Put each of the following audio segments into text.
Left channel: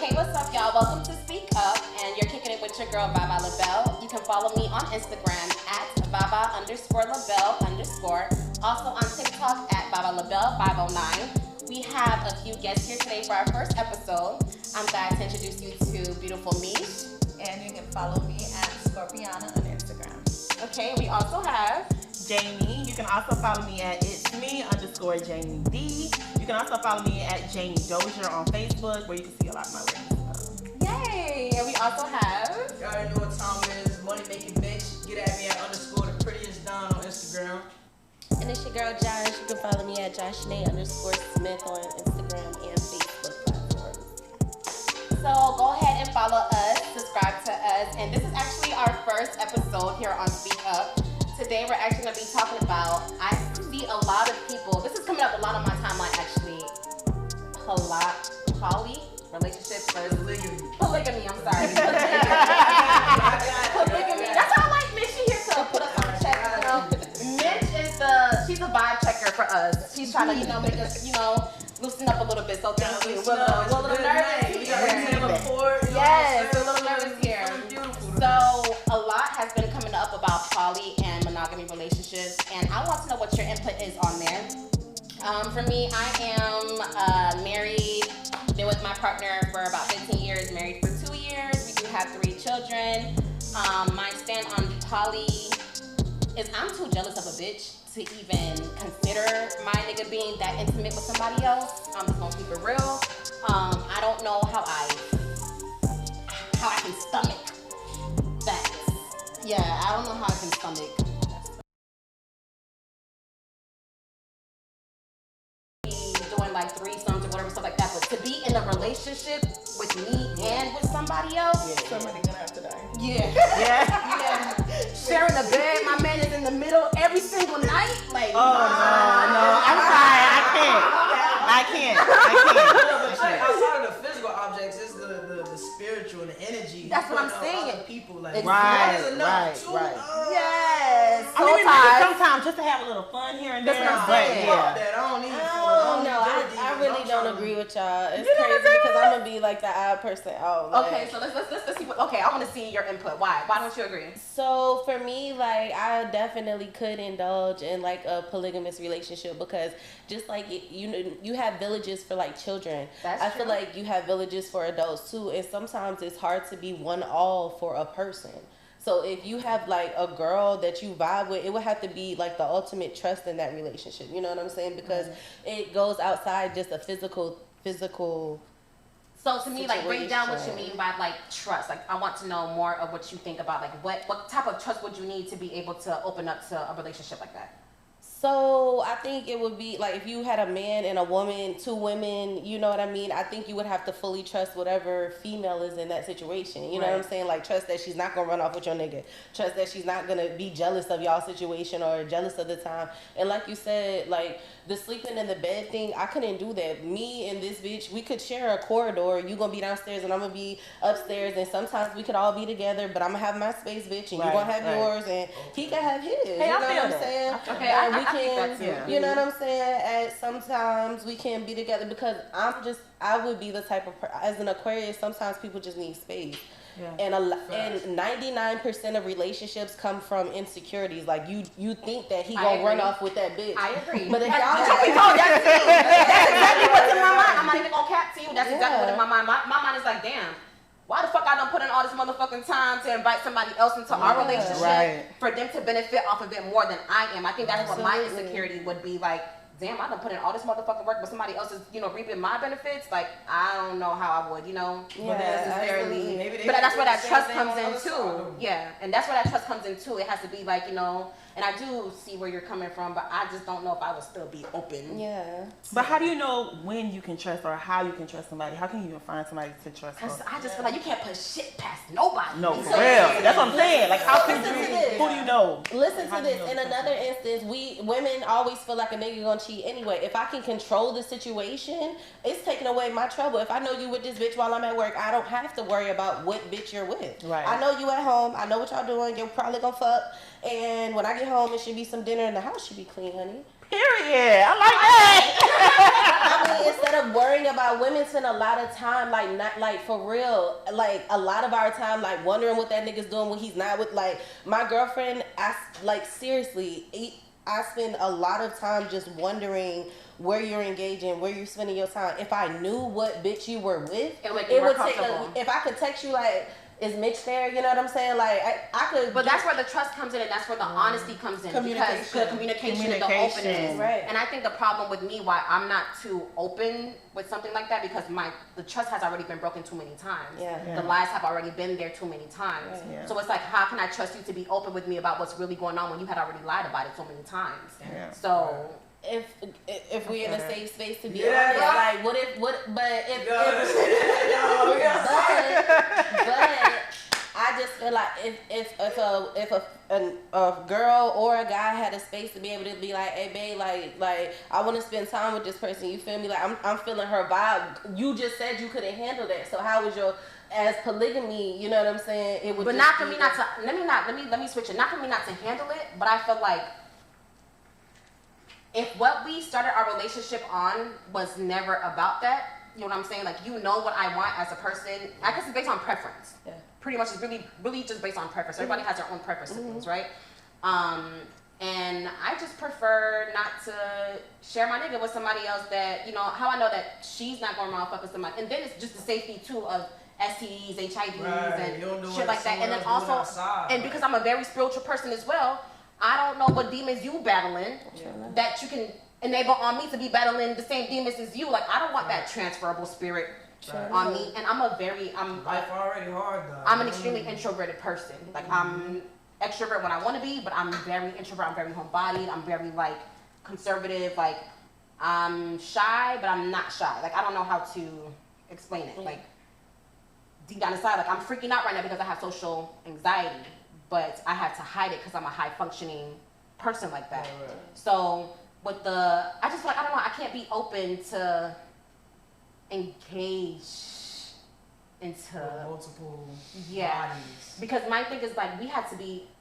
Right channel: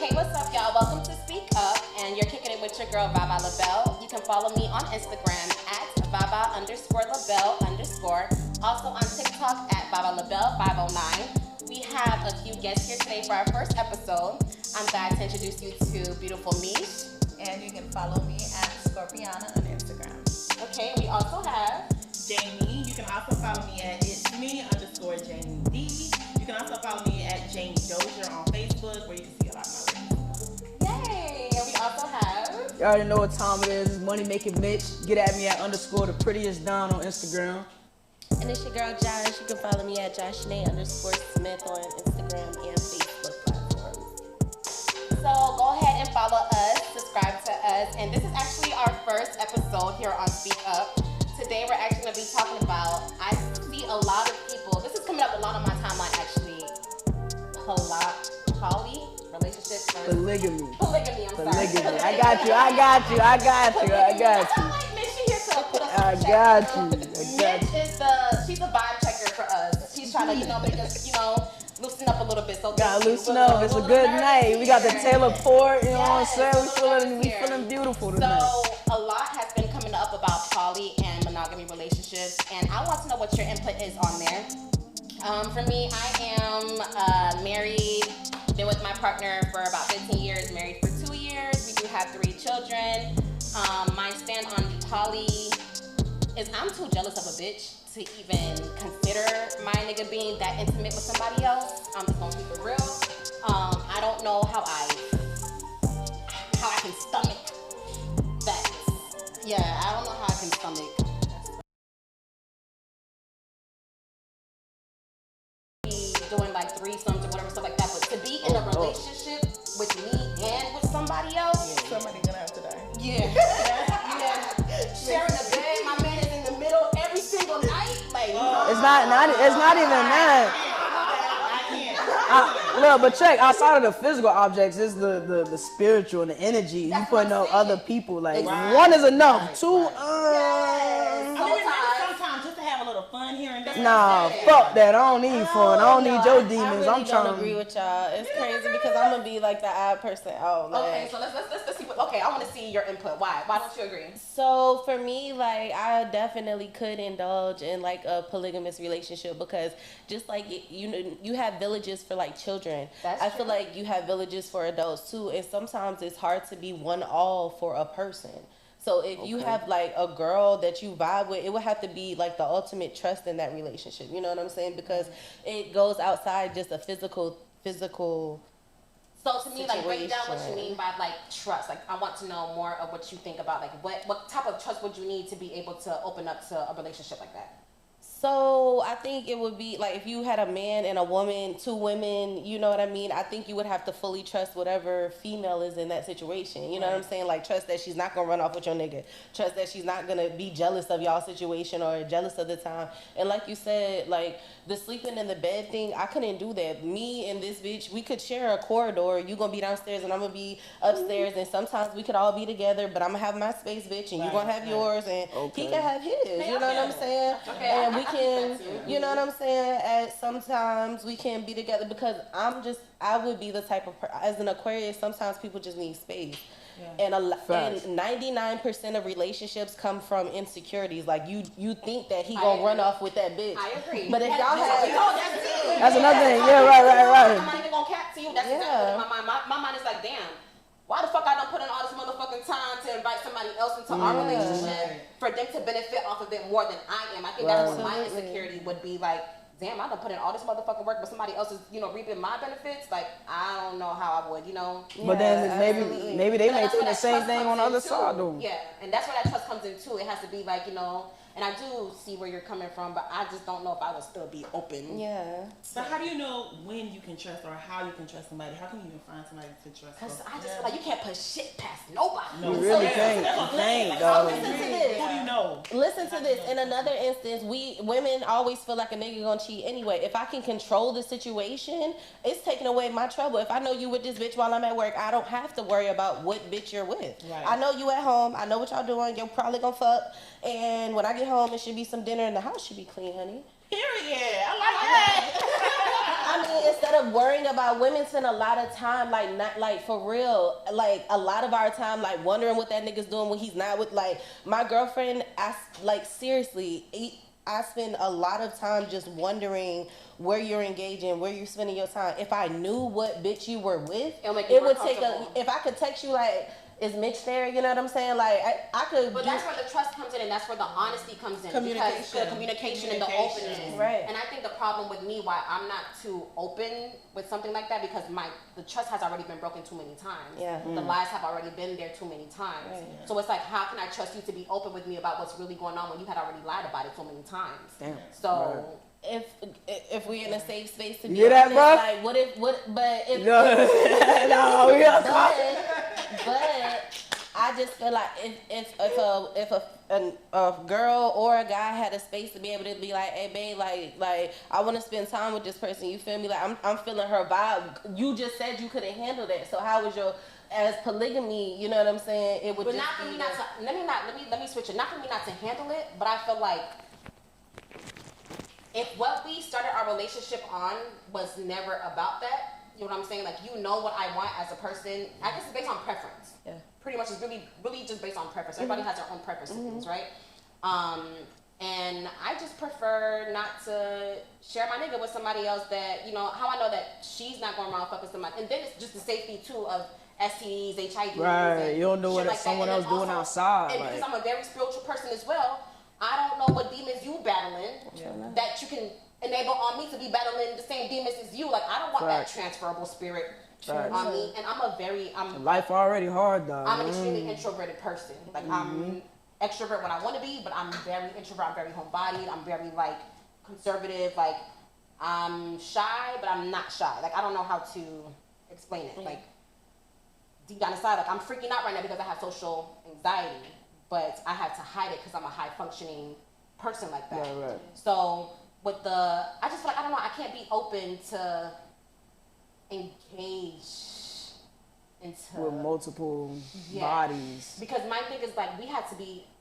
Hey, what's up, y'all? Welcome to Speak Up, and you're kicking it with your girl, Baba LaBelle. You can follow me on Instagram at Baba_LaBelle_. Also on TikTok at Baba LaBelle 509. We have a few guests here today for our first episode. I'm glad to introduce you to beautiful Mish. And you can follow me at Scorpiana on Instagram. Okay, we also have Jamie. You can also follow me at itsme_Jamie D. You can also follow me at Jamie Dozier on Facebook, where you can see a lot of my work. Yay! And we also have You already know what time it is. It's Money Making Mitch. Get at me at _the prettiest Don on Instagram. And it's your girl Josh. You can follow me at JoshNay_Smith on Instagram and Facebook platforms. So go ahead and follow us, subscribe to us, and this is actually our first episode here on Speak Up. Today we're actually going to be talking about, I see a lot of people, this is coming up a lot on my timeline actually, poly, relationships versus Polygamy. Polygamy, I'm sorry. I got you. That's why I like Mitch here to put us on check. Mitch is she's a vibe checker for us. She's trying to, make us, loosen up a little bit. So Gotta loosen up. It's a good night. We got the Taylor Port, you know what I'm saying? a little nervous here. Feeling beautiful. So a lot has been coming up about poly and monogamy relationships, and I want to know what your input is on there. For me, I am married, been with my partner for about 15 years, married for 2 years. We do have 3 children. My stand on poly is I'm too jealous of a bitch to even consider my nigga being that intimate with somebody else. I'm just gonna keep it real. I don't know how I can stomach that. Yeah, I don't know how I can stomach doing like threesomes or whatever, stuff like that. But to be in a relationship with me and with somebody else, Somebody's gonna have to die. yeah. Sharing the bed, my man is in the middle every single night. Like, It's not even that. I can't. No, but check, outside of the physical objects, is the spiritual and the energy. That's You what putting I'm up saying. other people. Like, Right, one is enough. right, 2, right. yes. I mean, sometimes just to have a little fun here and there. Nah, Yeah. fuck that. I don't need fun. I don't need your demons. I really I'm don't trying agree with y'all. It's crazy because I'm gonna be like the odd person out. Like, Okay, so let's see. Okay, I want to see your input. Why don't you agree? So for me, like I definitely could indulge in like a polygamous relationship because just like you have villages for like children. That's I feel true. like you have villages for adults too, and sometimes it's hard to be one all for a person. So if you have like a girl that you vibe with, it would have to be like the ultimate trust in that relationship. You know what I'm saying? Because it goes outside just a physical. So to me, like break down what you situation. mean by like trust. Like I want to know more of what you think about like what type of trust would you need to be able to open up to a relationship like that? So I think it would be like if you had a man and a woman, 2 women, you know what I mean? I think you would have to fully trust whatever female is in that situation. You know what I'm saying? Like trust that she's not gonna run off with your nigga. Trust that she's not gonna be jealous of y'all situation or jealous of the time. And like you said, like the sleeping in the bed thing, I couldn't do that. Me and this bitch, we could share a corridor. You gonna be downstairs and I'm gonna be upstairs, and sometimes we could all be together, but I'm gonna have my space, bitch, and you gonna have yours, and he can have his. Hey, you know I what feel I'm that. saying? Okay, And we I think can, that's it. you know what I'm saying? And sometimes we can be together because I would be the type of, as an Aquarius, sometimes people just need space. Yeah. And Facts. 99% of relationships come from insecurities. Like you think that he I gonna run agree. off with that bitch. I agree. But if y'all That's have, what we call that too. I'm not even gonna cap to you. That's exactly what in my mind. My mind is like, damn. Why the fuck I don't put in all this motherfucking time to invite somebody else into our relationship right. for them to benefit off of it more than I am? I think that's what my Absolutely. insecurity would be like. Damn, I done put in all this motherfucking work, but somebody else is, reaping my benefits. Like, I don't know how I would, But then absolutely. maybe they But might that's do where the that same trust thing on the comes other in side, too. though. Yeah, and that's where that trust comes in too. It has to be like, and I do see where you're coming from, but I just don't know if I would still be open. yeah. But how do you know when you can trust or how you can trust somebody? How can you even find somebody to trust? Cause I just feel like you can't put shit past nobody. No, for So- real. That's what I'm saying. Like, how can Listen to you? this. Who do you know? Listen How to do you this. know? In another instance, women always feel like a nigga gonna cheat anyway. If I can control the situation, it's taking away my trouble. If I know you with this bitch while I'm at work, I don't have to worry about what bitch you're with. Right. I know you at home. I know what y'all doing. You're probably gonna fuck. And when I get home, it should be some dinner, and the house should be clean, honey. Period. I like that. I mean, it's instead of worrying about women spend a lot of time like not like for real like a lot of our time like wondering what that nigga's doing when he's not with like my girlfriend. Like seriously, I spend a lot of time just wondering where you're engaging, where you're spending your time. If I knew what bitch you were with, it would take if I could text you like, is Mitch there? You know what I'm saying? Like I could. But that's where the trust comes in, and that's where the honesty comes in. Because the communication and the openness. Right. And I think the problem with me, why I'm not too open with something like that, because the trust has already been broken too many times. Yeah. The lies have already been there too many times. Right. Yeah. So it's like, how can I trust you to be open with me about what's really going on when you had already lied about it so many times? Yeah. So. If we're in a safe space to be Yeah, honest, bro. like but I just feel like if a girl or a guy had a space to be able to be like, hey babe, like I want to spend time with this person, you feel me? Like I'm feeling her vibe. You just said you couldn't handle that, so how was your as polygamy? You know what I'm saying? It would. But just not for me not to. Let me switch it. Not for me not to handle it, but I feel like. If what we started our relationship on was never about that, you know what I'm saying? Like, you know what I want as a person. I guess it's based on preference. Yeah. Pretty much it's really just based on preference. Everybody has their own preferences, right? And I just prefer not to share my nigga with somebody else that, you know, how I know that she's not going around fuck with somebody. And then it's just the safety, too, of STDs, HIVs, Right, and you don't know shit what like that. someone And then else doing outside, and like- because I'm a very spiritual person as well, I don't know what demons you battling that you can enable on me to be battling the same demons as you. Like, I don't want that transferable spirit on me. And I'm Life already hard, though. I'm an extremely introverted person. Like, I'm extrovert when I want to be, but I'm very introvert. I'm very homebodied. I'm very, like, conservative. Like, I'm shy, but I'm not shy. Like, I don't know how to explain it. Like, deep down inside, like, I'm freaking out right now because I have social anxiety, but I had to hide it because I'm a high-functioning person like that. Right. So, I just feel like, I don't know, I can't be open to engage into With multiple Yeah. bodies. because my thing is like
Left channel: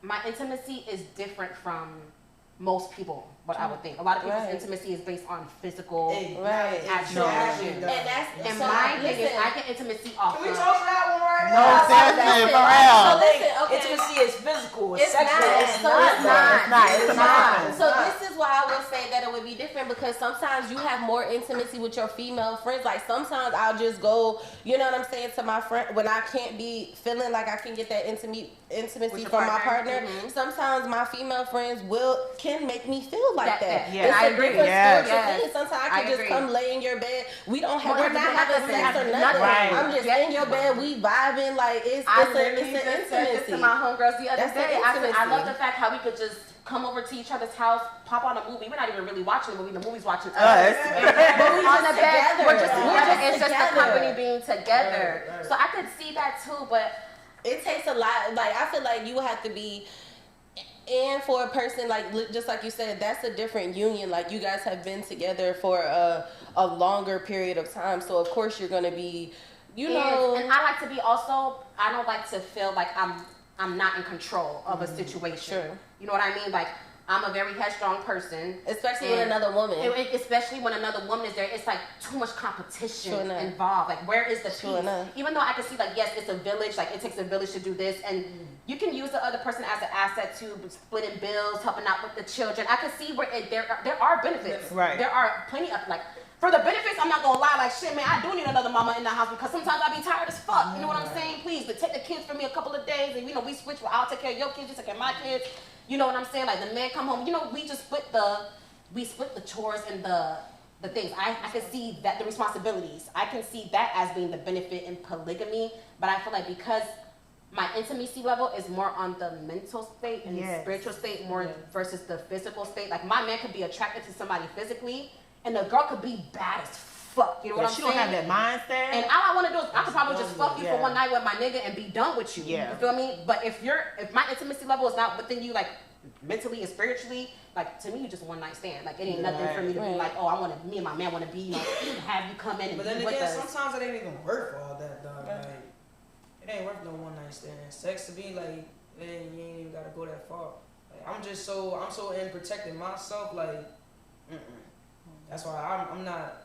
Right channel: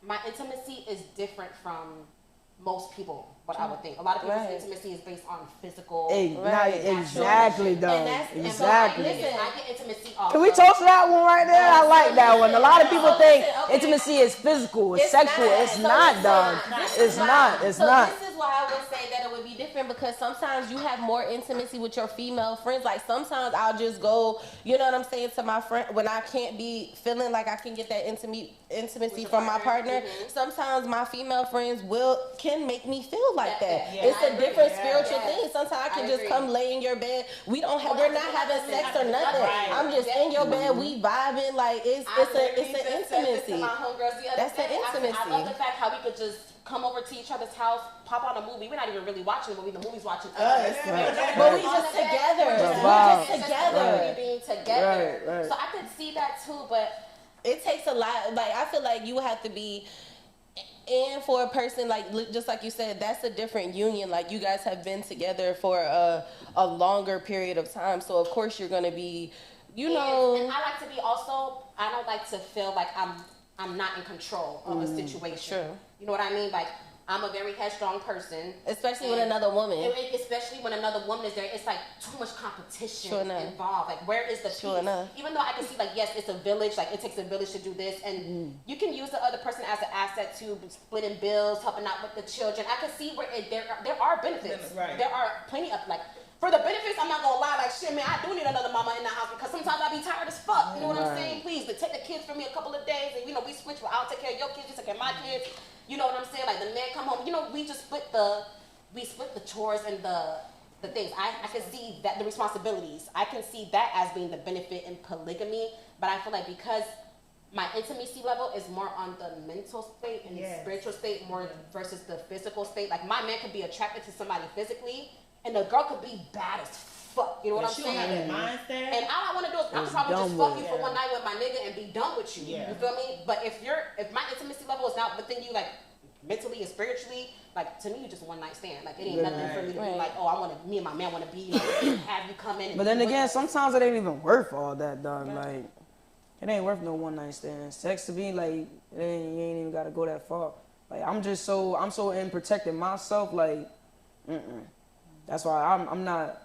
my intimacy is different from most people, what I would think. A lot of people's Right. intimacy is based on physical. Hey, Right. exactly, though. And that's- And so my Exactly. thing is, I get intimacy off. Can we of- talk to that one right now? No, I like that one. A lot of people think Listen, okay. intimacy is physical, it's It's sexual. not. It's So not, it's though. not. It's not. It's so not. this is why I would say that it would be different, because sometimes you have more intimacy with your female friends. Like sometimes I'll just go, you know what I'm saying, to my friend when I can't be feeling like I can get that intimacy your from my partner. partner. Sometimes my female friends can make me feel like that. Yeah, It's I a agree. different Yes. spiritual thing. Sometimes I can I just agree. come lay in your bed. We're not have having to sex or have nothing. nothing. I'm just in your bed. We vibing like it's I an literally just said this to intimacy. my homegirls the other That's the day. I said, I intimacy. love the fact how we could just come over to each other's house, pop on a movie. We're not even really watching the movie. The movie's watching us. But we On just the bed, together. We're just We're it's just just the company together. being together. Right, right. So I could see that too, but It takes a lot. Like I feel like you would have to be in for a person just like you said. That's a different union. Like you guys have been together for a longer period of time, so of course you're gonna be, you know. and I like to be also. I don't like to feel like I'm not in control of a situation. Sure. You know what I mean? Like I'm a very headstrong person. Especially with And another woman. Especially when another woman is there, it's like too much competition Sure enough. involved. Like, where is the Sure peace? enough. Even though I can see, like, yes, it's a village. Like, it takes a village to do this, and you can use the other person as an asset to splitting bills, helping out with the children. I can see where there are benefits. Right. There are plenty of like. For the benefits, I'm not gonna lie, like shit, man, I do need another mama in the house because sometimes I be tired as fuck. You know what I'm saying? Please, but take the kids from me a couple of days, and we switch. Well, I'll take care of your kids, you take care of my kids. You know what I'm saying? Like the men come home, we just split the chores and the things. I can see that the responsibilities. I can see that as being the benefit in polygamy, but I feel like because my intimacy level is more on the mental state and Yes. spiritual state more versus the physical state. Like my man could be attracted to somebody physically, and the girl could be bad as fuck. You know what I'm She saying? don't have that mindset. And all I want to do is I could probably just fuck you yeah. for one night with my nigga and be done with you. Yeah. You feel me? But if my intimacy level is not within you, like mentally and spiritually, like to me, you just one night stand. Like it ain't nothing for me to be Right. like, oh, me and my man want to be, have you come in. And But then be with again, us. sometimes it ain't even worth all that, dog. Like, it ain't worth no one night stand. Sex to me, like, you ain't even gotta go that far. Like, I'm so in protecting myself. Like, that's why I'm not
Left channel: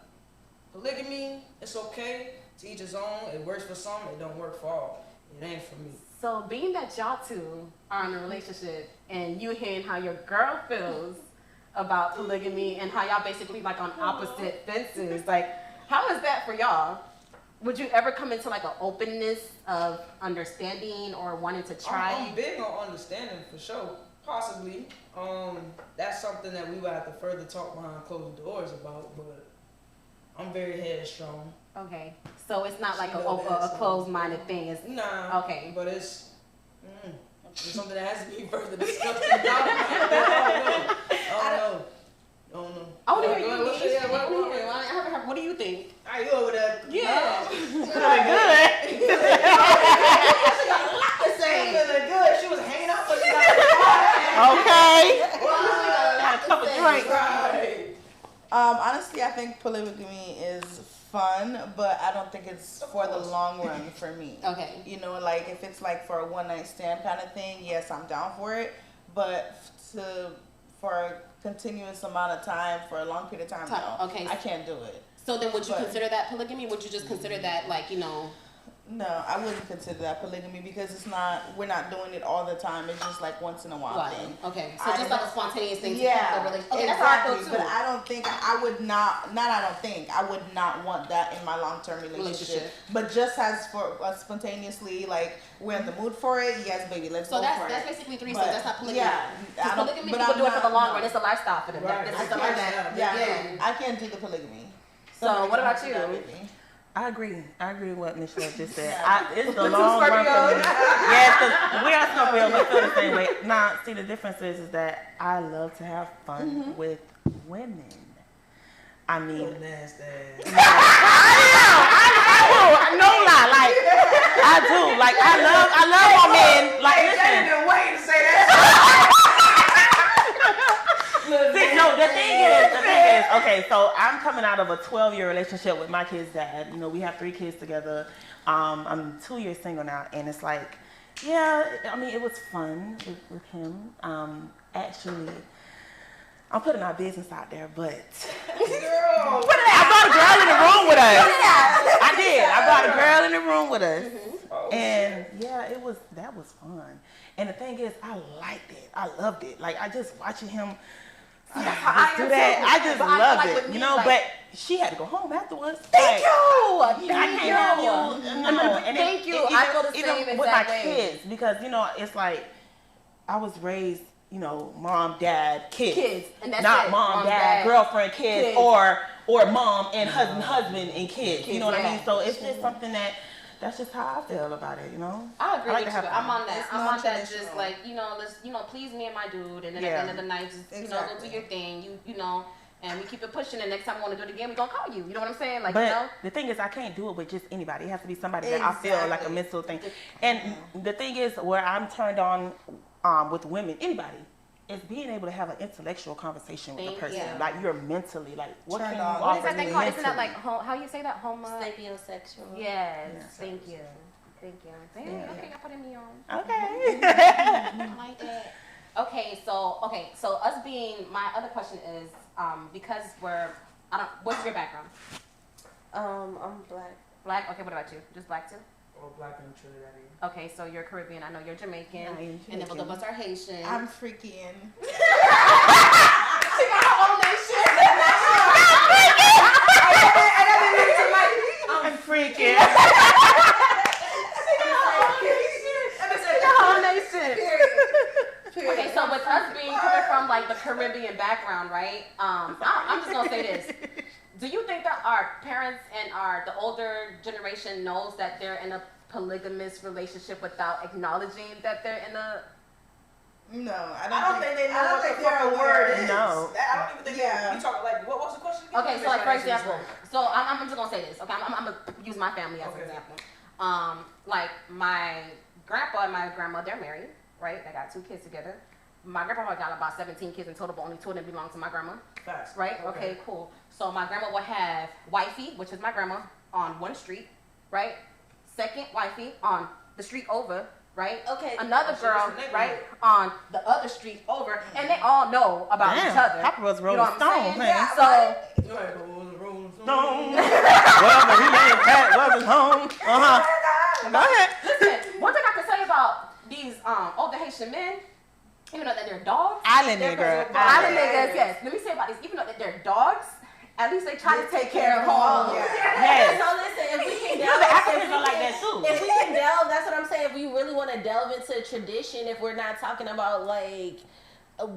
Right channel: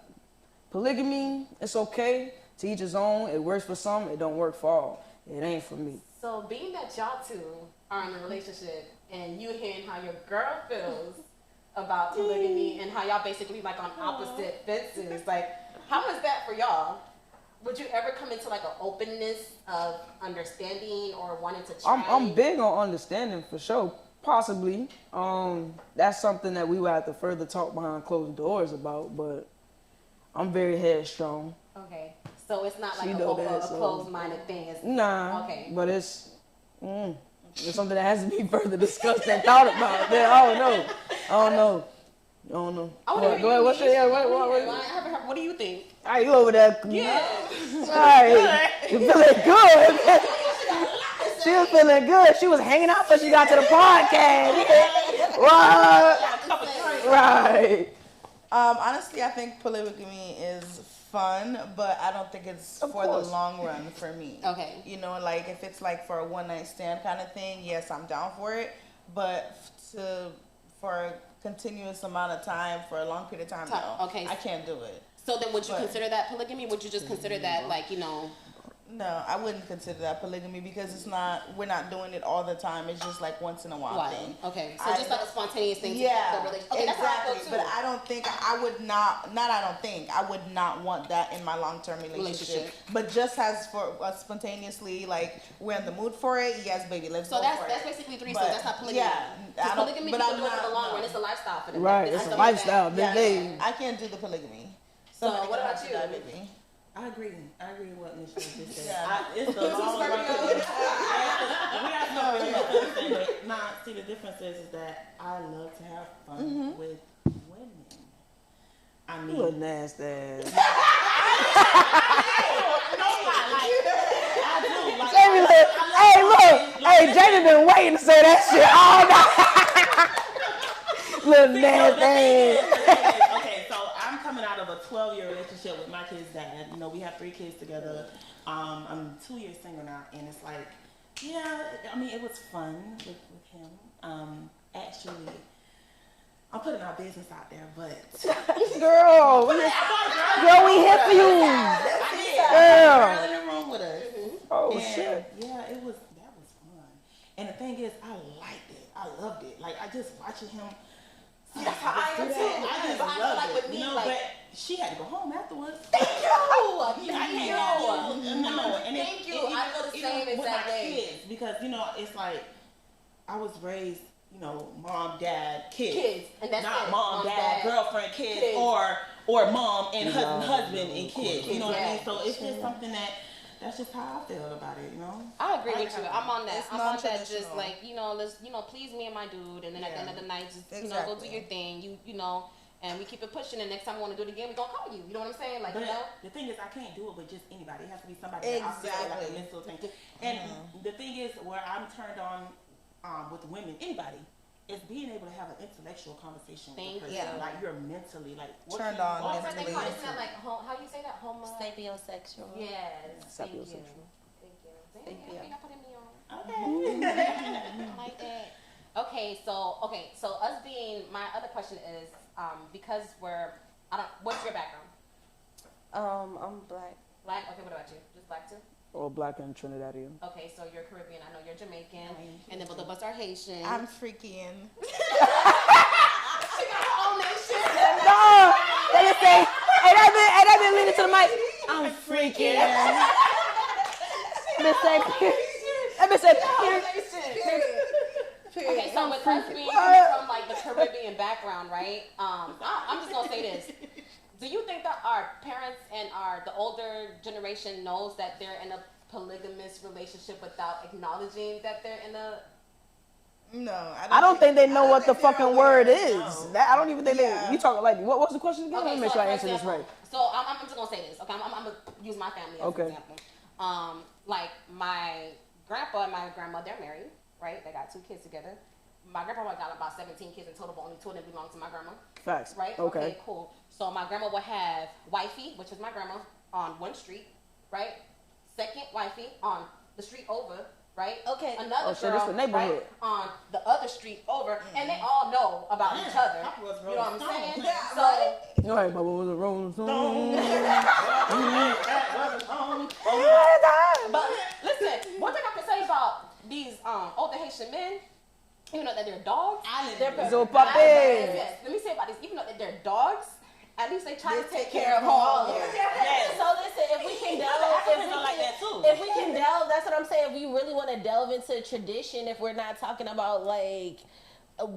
polygamy, it's okay. To each his own. It works for some. It don't work for all. It ain't for me. So being that y'all two are in a relationship and you hearing how your girl feels about polygamy and how y'all basically like on opposite fences, like how is that for y'all? Would you ever come into like an openness of understanding or wanting to try? I'm big on understanding for sure. Possibly. That's something that we would have to further talk behind closed doors about, but I'm very headstrong. Okay. So it's not like She a know that, so- closed-minded thing. It's Nah. Okay. But it's something that has to be further discussed and thought about. I don't know. I want to hear Go ahead, you. what's your- yeah, What do you think? Are you over there? Yeah. You feeling good? She was feeling good. She was hanging out when she got to the podcast. Okay. Right. Right. Honestly, I think polygamy is fun, but I don't think it's Of for the course. long run for me. Okay. You know, like if it's like for a one night stand kind of thing, yes, I'm down for it. But for a continuous amount of time, for a long period of time, no. Okay. I can't do it. So then would you But- consider that polygamy? Would you just consider that like, No, I wouldn't consider that polygamy because we're not doing it all the time. It's just like once in a while thing. Okay. So just like a spontaneous thing to Yeah, keep the relationship. Okay, that's how I exactly. feel too. But I don't think I would I would not want that in my long-term relationship. But just as for spontaneously, like we're in the mood for it, yes, baby, let's So go for that's it. basically threesomes. But, That's not polygamy. Yeah, Because I don't- polygamy but people I'm do it for the not- long no. run. It's a lifestyle for them. Right, This it's is a something lifestyle. that- Yeah, I can't do the polygamy. So Somebody what can about do you? that with me. I agree with what Michelle just said. Yeah. It's the Two long run. Scorpios. Yes, we are Scorpios. We feel the same way. Now, see, the difference is that I love to have fun with women. I You mean, little nasty ass. no lie, like I do. Like I love women. Like Hey, Jada been waiting to say that shit. Little See, no, the nasty thing ass. is, okay, so I'm coming out of a 12-year relationship with my kid's dad. You know, we have 3 kids together. I'm 2 years single now, and it's like, yeah, I mean, it was fun with him. Actually, I'm putting our business out there, but Girl. I brought a girl in the room with us. I did. I brought a girl in the room with us. Oh, And shit. yeah, that was fun. And the thing is, I liked it. I loved it. Like I just watching him That's how I do am that. too. I just But I feel loved like it. with You me, know, like- but she had to go home afterwards. Thank you. I can't Thank have you. you. No, and Thank you. I feel the even same with my exact way. kids, because you know, it's like I was raised, you know, mom, dad, kids. Kids, and that's not it. mom, dad, girlfriend, kids, Kids. or mom and husband and kids. You know what I mean? yeah. So it's just something that's just how I feel about it. You know. I agree I like with to you. have I'm on that. It's I'm on that. Just non-traditional. like let's please me and my dude, and then at Yeah. the end of the night, just go do Exactly. your thing. You know, and we keep it pushing. And next time we want to do it again, we gonna call you. You know what I'm saying? Like But the thing is, I can't do it with just anybody. It has to be somebody that I feel like a Exactly. mental thing. And the thing is, where I'm turned on with women, anybody, is being able to have an intellectual conversation with a Thank person. you. like you're mentally like what Turned can you on What is offer that thing me called? Isn't that mentally? like how you say that? Sapiosexual. Yes. Yeah, Thank you. Thank you. Thank Okay, you. y'all putting me on. Okay. I like that. Okay, so us being, my other question is, because what's your background? I'm black. Black? Okay, what about you? Just black too? Or black and Trinidadian. Okay, so you're Caribbean. I know you're Jamaican, Yeah, you're and then both of us are Haitian. I'm freaking. She got her own nation. I'm freaking. Let me say your whole nation. Okay, so with us being coming from like the Caribbean background, right? I'm just gonna say this. Do you think that our parents and the older generation knows that they're in a polygamous relationship without acknowledging that they're in a? No, I don't think they know what the fucking word is. No. I don't even think Yeah. we talking like what was the question again? Okay, Let me so make like sure I for answer this example, right. so I'm just gonna say this. Okay, I'm gonna use my family as Okay. an example. Like my grandpa and my grandma, they're married, right? They got 2 kids together. My grandpa got about 17 kids in total, but only 2 of them belong to my grandma. Facts. Right? Okay, cool. So my grandma will have wifey, which is my grandma, on one street, right? Second wifey on the street over, right? Okay. Another Oh, so this girl, the neighborhood. right, on the other street over, and they all know about each other. Papa was You know Rolling what I'm Stone, saying? man. So, You're right, but what was a Rolling Stone? Well, the reunion cat wasn't home. Go ahead. listen, one thing I can say about these older Haitian men, even though that they're dogs, Islander girl. yes. Let me say about these, even though that they're dogs, at least they try to take care of home. Yes. So listen, if we can delve, The Africans are like that too. if we can delve, that's what I'm saying. If we really want to delve into tradition, if we're not talking about like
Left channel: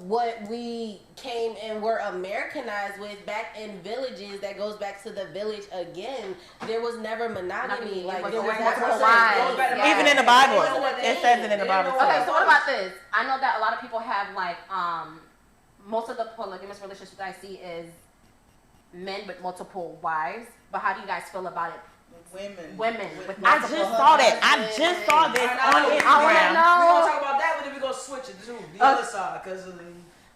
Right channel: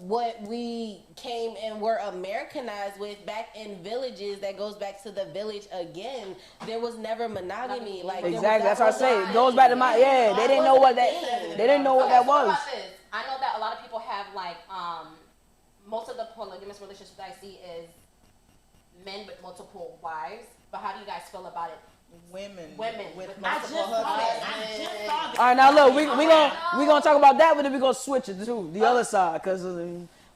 what we came and were Americanized with back in villages, that goes back to the village again. There was never monogamy. Like there was Exactly, that's what I that said. It goes back to my Even in the Bible, They didn't know what it that says it in the They didn't know Bible. what Okay, that so what was. about this? I know that a lot of people have like most of the polygamous relationships that I see is men with multiple wives. But how do you guys feel about it? Women with I multiple just saw that. husbands. I just saw this. All right, now look, we Instagram. gonna talk about that, but then we gonna switch it to the other side, because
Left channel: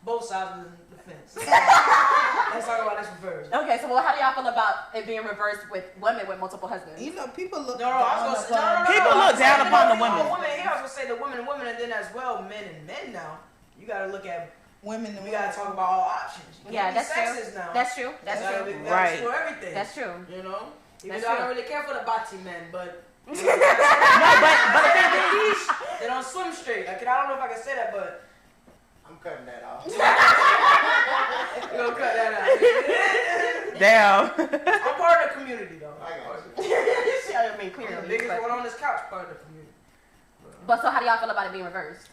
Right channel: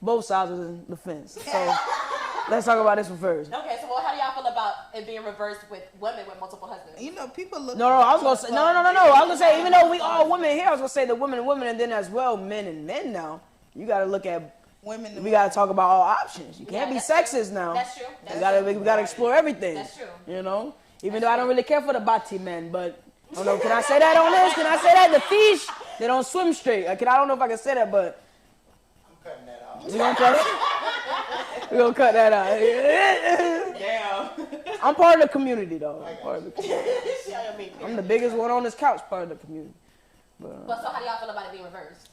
both sides of the fence. So, let's talk about this one first. Okay, so how do y'all feel about it being reversed with women with multiple husbands? You know, people look. No, I was gonna say, no. I People was look gonna say, down even upon though we the all women. women here, I was gonna say the women and women, and then as well, men and men now. You gotta look at, women. we gotta talk about all options. You can't be that's true. sexist now. That's true. That's We true. gotta Right. explore everything. That's true. You know? Even That's though I true. don't really care for the bati men, but can I say that? Can I say that? The fish, they don't swim straight. I don't know if I can say that, but I'm cutting that off. you gonna cut it? We gonna cut that out. Damn. I'm part of the community, though. I'm, part of the community. I'm I'm the biggest one on this couch, part of the community. But so how do y'all feel about it being reversed?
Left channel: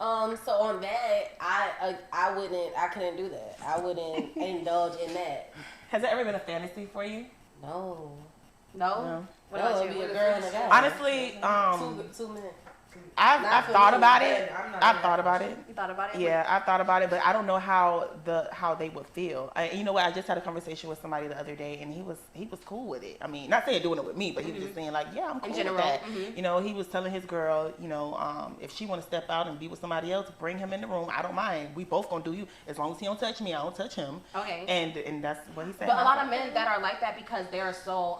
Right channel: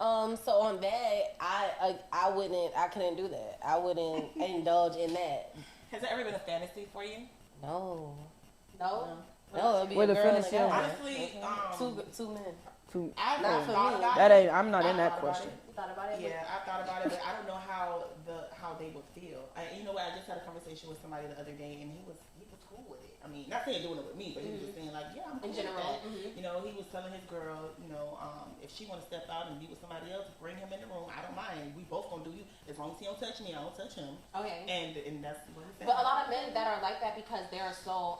So on that, I couldn't do that. I wouldn't indulge in that. Has it ever been a fantasy for you? No. No? What No, about it'd be you? a girl and a guy. Honestly, two men. I've Not for thought me. about That it. ain't- I'm not I've in that thought about portion. it. You thought about it? Yeah, I thought about it, but I don't know how they would feel. You know what? I just had a conversation with somebody the other day, and he was cool with it. I mean, not saying doing it with me, but he was just saying like, yeah, I'm cool general, with that. mhm. You know, he was telling his girl, you know, if she want to step out and be with somebody else, bring him in the room. I don't mind. We both gonna do you as long as he don't touch me. I don't touch him. Okay. And that's what he said. But a lot of men that are like that because they're so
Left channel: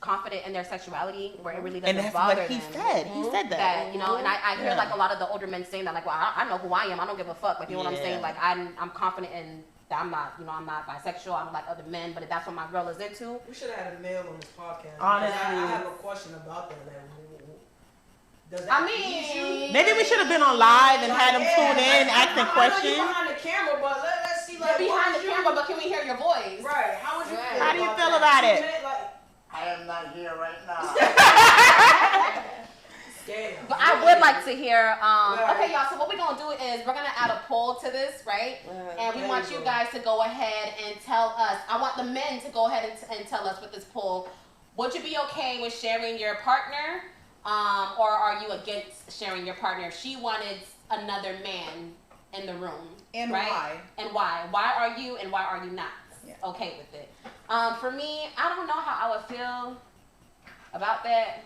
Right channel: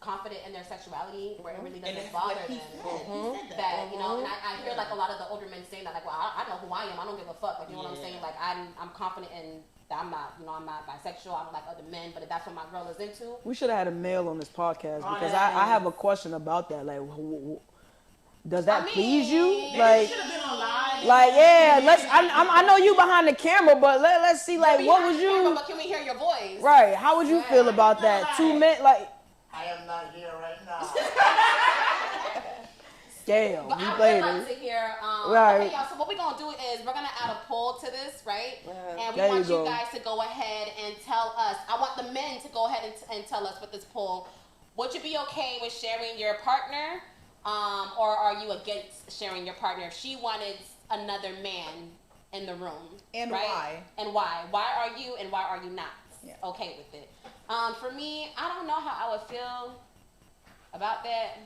confident in their sexuality where it really doesn't and that's bother what he them. said. He said that. That, you know, and I hear Yeah. like a lot of the older men saying that, like, well, I know who I am. I don't give a fuck. Like, you know what I'm Yeah. saying? Like, I'm confident in that I'm not, you know, I'm not bisexual. I don't like other men, but if that's what my girl is into. We should have had a male on this podcast, because Honestly. I have a question about that. Like, does that I mean, please you? Maybe we should have been on live and Like, had him yeah, pulled in, ask him I know you questions. behind the camera, but let's see, like, what Behind was the you? camera, but can we hear your voice? Right, how would you Yeah. feel How do you about feel that? about Two it? men, like, I am not here right now. damn. But you I would lady. like to hear. Right. Okay, y'all. So what we're gonna do is we're gonna add a poll to this, right? And we There want you you go. guys to go ahead and tell us. I want the men to go ahead and tell us with this poll. Would you be okay with sharing your partner, or are you against sharing your partner if she wanted another man in the room? And right? why? And why? Why are you and why are you not Yeah. okay with it? For me, I don't know how I would feel about that.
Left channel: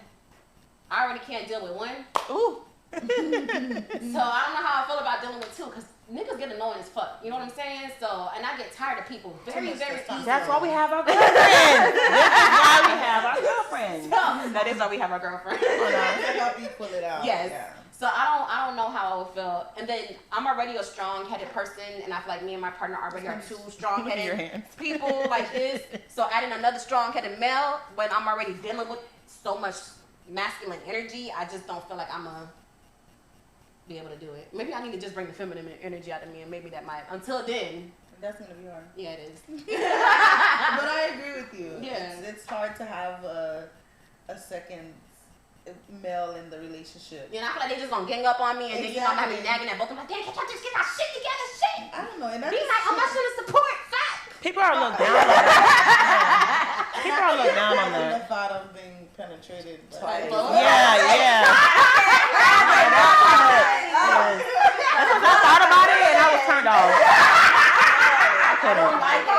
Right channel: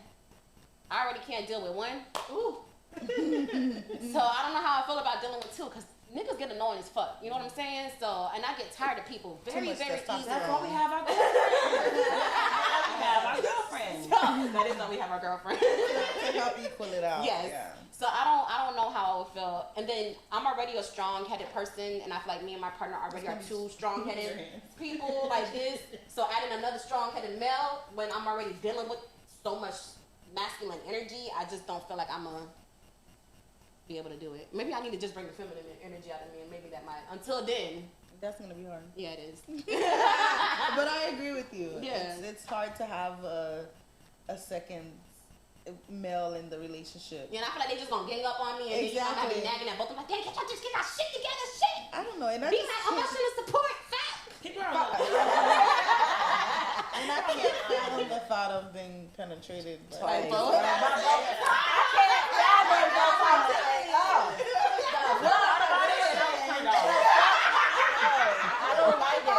I already can't deal with one. Ooh. So I don't know how I feel about dealing with two, because niggas get annoying as fuck. You know what I'm saying? So, and I get tired of people very, much very testosterone. easily. That's why we have our girlfriends. That's why we have our girlfriends. That is why we have our girlfriend. To help equal it out. Yes. Yeah. So I don't know how I would feel. And then I'm already a strong-headed person, and I feel like me and my partner already are two Your strong-headed hands. people like this. So adding another strong-headed male when I'm already dealing with so much masculine energy, I just don't feel like I'm gonna be able to do it. Maybe I need to just bring the feminine energy out of me, and maybe that might. Until then, That's gonna be hard. yeah, it is. But I agree with you. Yeah. It's hard to have a second male in the relationship. Yeah, and I feel like they just gonna gang up on me, and then you know I be Exactly. nagging at both of them. Like, damn, can't y'all just get our shit together? Shit. I don't know, and I Be just, like emotional support. Fuck. People are a little down on that. People are a little down on the that. thought of being penetrated by By both. Yeah. I thought about it and I was turned off. I don't like it.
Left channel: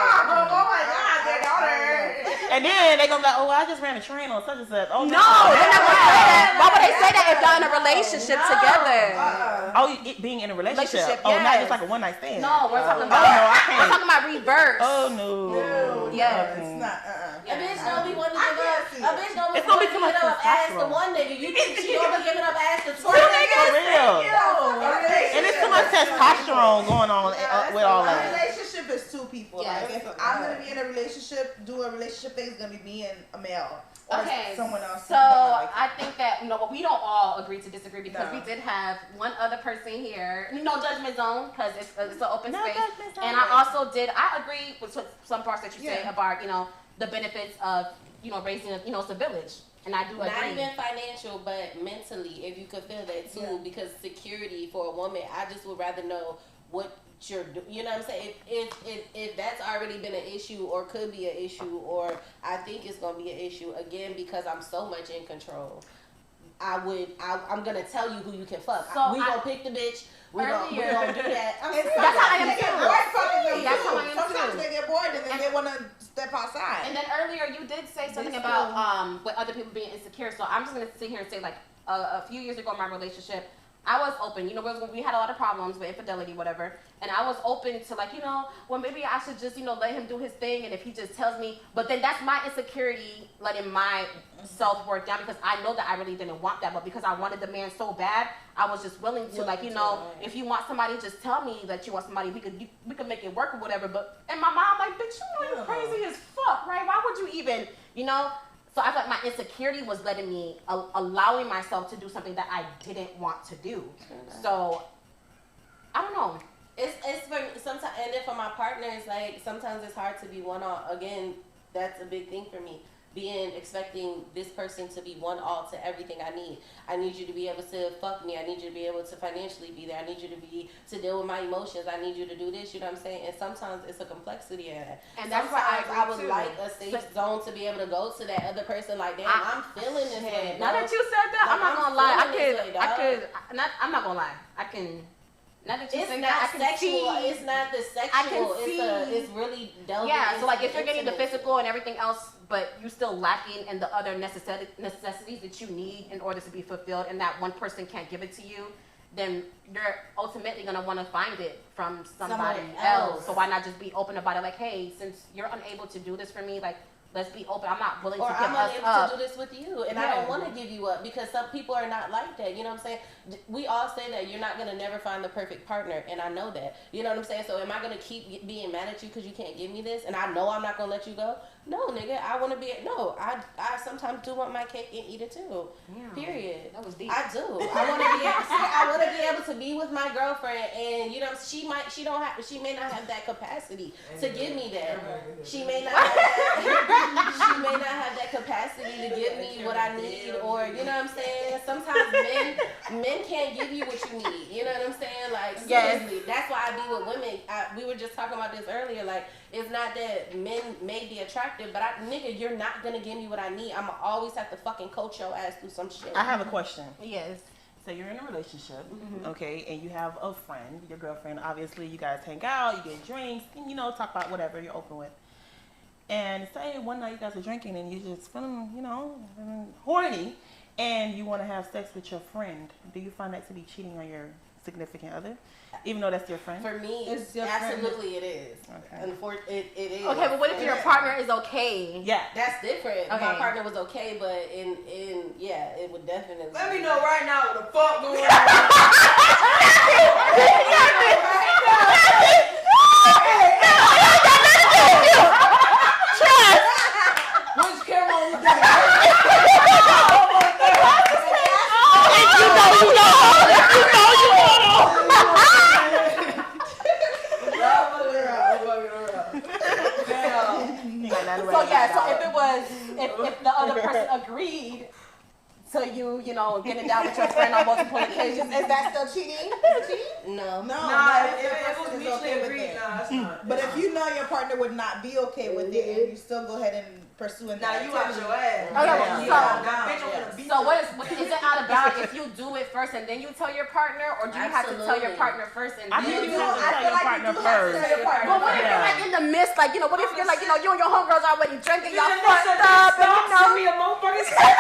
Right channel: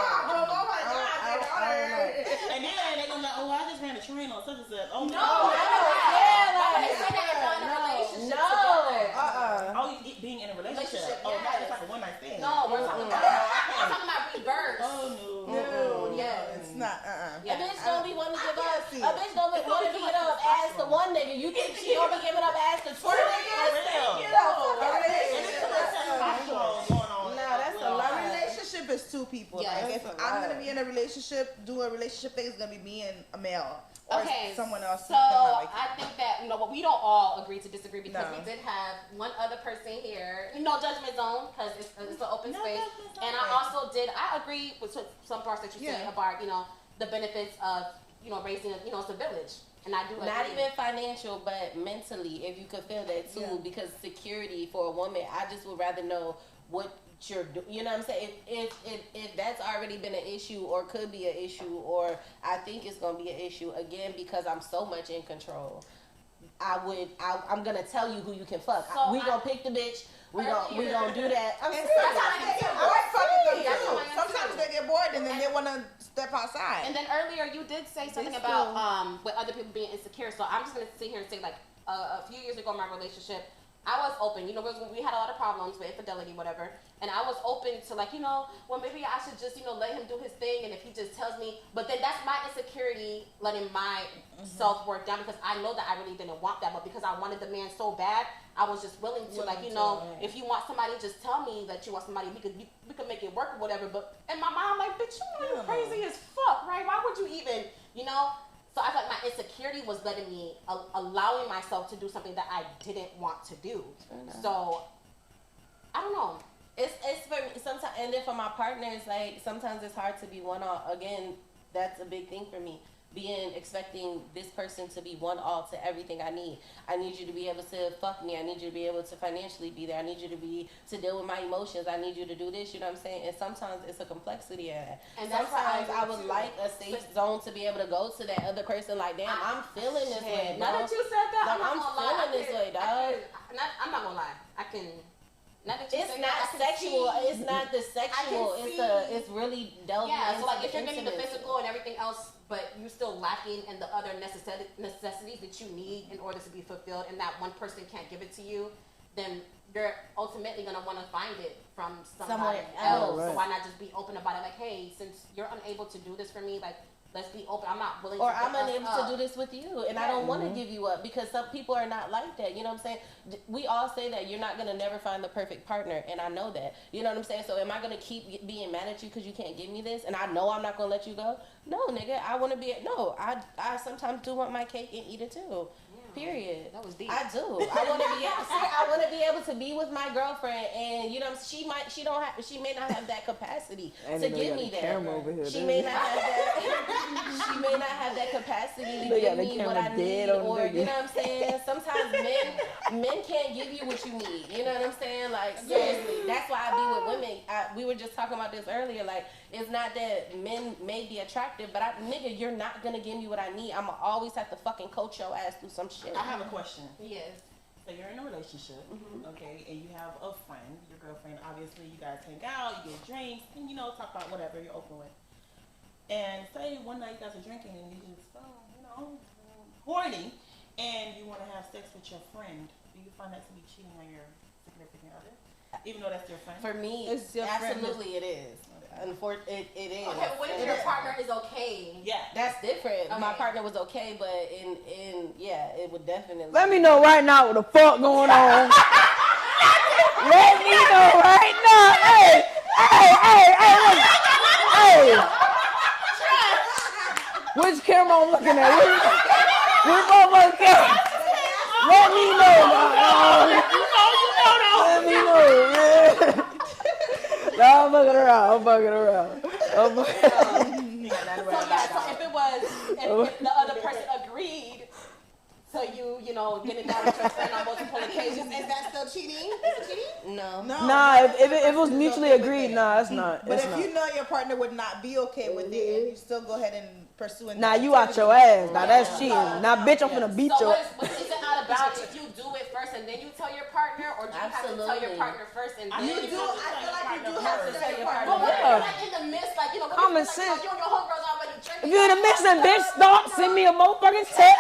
And then they gonna be like, oh, I just ran a train on such and such. Oh, No, they never say that. Why would they say that if y'all in a relationship together? Oh, being in a relationship. Relationship, Oh, not yes. just like a one night stand. No, we're talking Oh, about. no, I We're can't. talking about reverse. Oh, no. Yes. It's not. A Yeah. bitch don't be wanting to give up. see A bitch don't be It's only wanting to too give much up ass to testosterone. one nigga. You think she don't be giving up ass that's the For truth. real. And it's too much testosterone going on with all A that. relationship is two people. Yes. Like if I'm gonna be in a relationship, do a relationship thing, it's gonna be me and a male. Or someone else. So I think that we don't all agree to disagree because we did have one other person here. No judgment zone because it's an open space. And I also I agree with some parts that you say about the benefits of raising it's a village. And I do agree. Not even financial, but mentally, if you could feel that too, because security for a woman, I just would rather know what you're doing. You know what I'm saying? If that's already been an issue or could be an issue, or I think it's gonna be an issue again because I'm so much in control. I'm gonna tell you who you can fuck. So we gonna pick the bitch. We gonna do that. That's how I am get bored fucking them That's how I too. am Sometimes too. they get bored and then they wanna step outside. And then earlier you did say something about with other people being insecure. So I'm just gonna sit here and say like a few years ago in my relationship, I was open. We had a lot of problems with infidelity, whatever. And I was open to well, maybe I should just, let him do his thing. And if he just tells me, but then that's my insecurity letting my self-worth down because I know that I really didn't want that. But because I wanted the man so bad, I was just willing to, if you want somebody, just tell me that you want somebody. We could make it work or whatever. But in my mind, I'm like, bitch, you're crazy as fuck, right? Why would you even, So I felt like my insecurity was letting me, allowing myself to do something that I didn't want to do. So, I don't know. It's for sometimes, and then for my partner, it's like sometimes it's hard to be one all. Again, that's a big thing for me. Expecting this person to be one all to everything I need. I need you to be able to fuck me. I need you to be able to financially be there. I need you to deal with my emotions. I need you to do this. You know what I'm saying? And sometimes it's a complexity in that. And that's sometimes why I would like a safe zone to be able to go to that other person. Like, damn, I'm feeling this way. Now that you said that, Like, I'm not gonna lie. I'm not gonna lie. I can. Now that you It's said not that, I can sexual. see. It's not the sexual. It's really delving. Yeah, so into if you're getting the intimacy. physical and everything else, but you're still lacking in the other necessities that you need in order to be fulfilled, and that one person can't give it to you, then you're ultimately gonna want to find it from somebody else. Right. So why not just be open about it? Like, hey, since you're unable to do this for me, like, let's be open. I'm not willing or to give I'm us unable up. to do this with you, and I don't want to give you up because some people are not like that. You know what I'm saying? We all say that you're not gonna never find the perfect partner, and I know that. You know what I'm saying? So am I gonna keep being mad at you because you can't give me this, and I know I'm not gonna let you go? No, nigga, I want to be. No, I sometimes do want my cake and eat it too. Yeah, Period. that was deep. I do. I want to be. I want to be able to be with my girlfriend, and she may not have that capacity to give me that. She may not have that. She may not have that capacity to give me what I need, or you know what I'm saying. Sometimes men can't give you what you need. You know what I'm saying? Like seriously, that's why I be with women. We were just talking about this earlier. Like it's not that men may be attractive, but nigga, you're not gonna give me what I need. I'ma always have to fucking coach your ass through some shit. I have a question. Yes. So you're in a relationship, okay, and you have a friend, your girlfriend. Obviously, you guys hang out, you get drinks, talk about whatever you're open with. And say one night you guys are drinking and you just feeling, horny, and you want to have sex with your friend. Do you find that to be cheating on your significant other, even though that's your friend? For me, It's your absolutely it is. Okay. Unfortunately, it is. Okay, but what if your partner is okay? Yeah. That's different. Okay. My partner was okay, but it would definitely. Let me know right now what the fuck going on. Let me know right now. Hey. Which camera I'm looking at? I'm fucking around. So if the other person agreed to you, getting down with your friend on multiple occasions, is that still cheating? Is it cheating? No. Nah, if it was mutually agreed, nah, it's not. But if you know your partner would not be okay with it, and you still go ahead and pursue it. Nah, you out your ass. Nah, that's cheating. Nah, bitch, I'm gonna beat So you. is it out of bounds if you do it first and then you tell your partner, or do you have to tell your partner first and then You you do have to tell your partner first. But what if you're like in the midst, what if you're like, you and your homegirls already drinking? You in the mix of this stuff, send me a motherfucking text,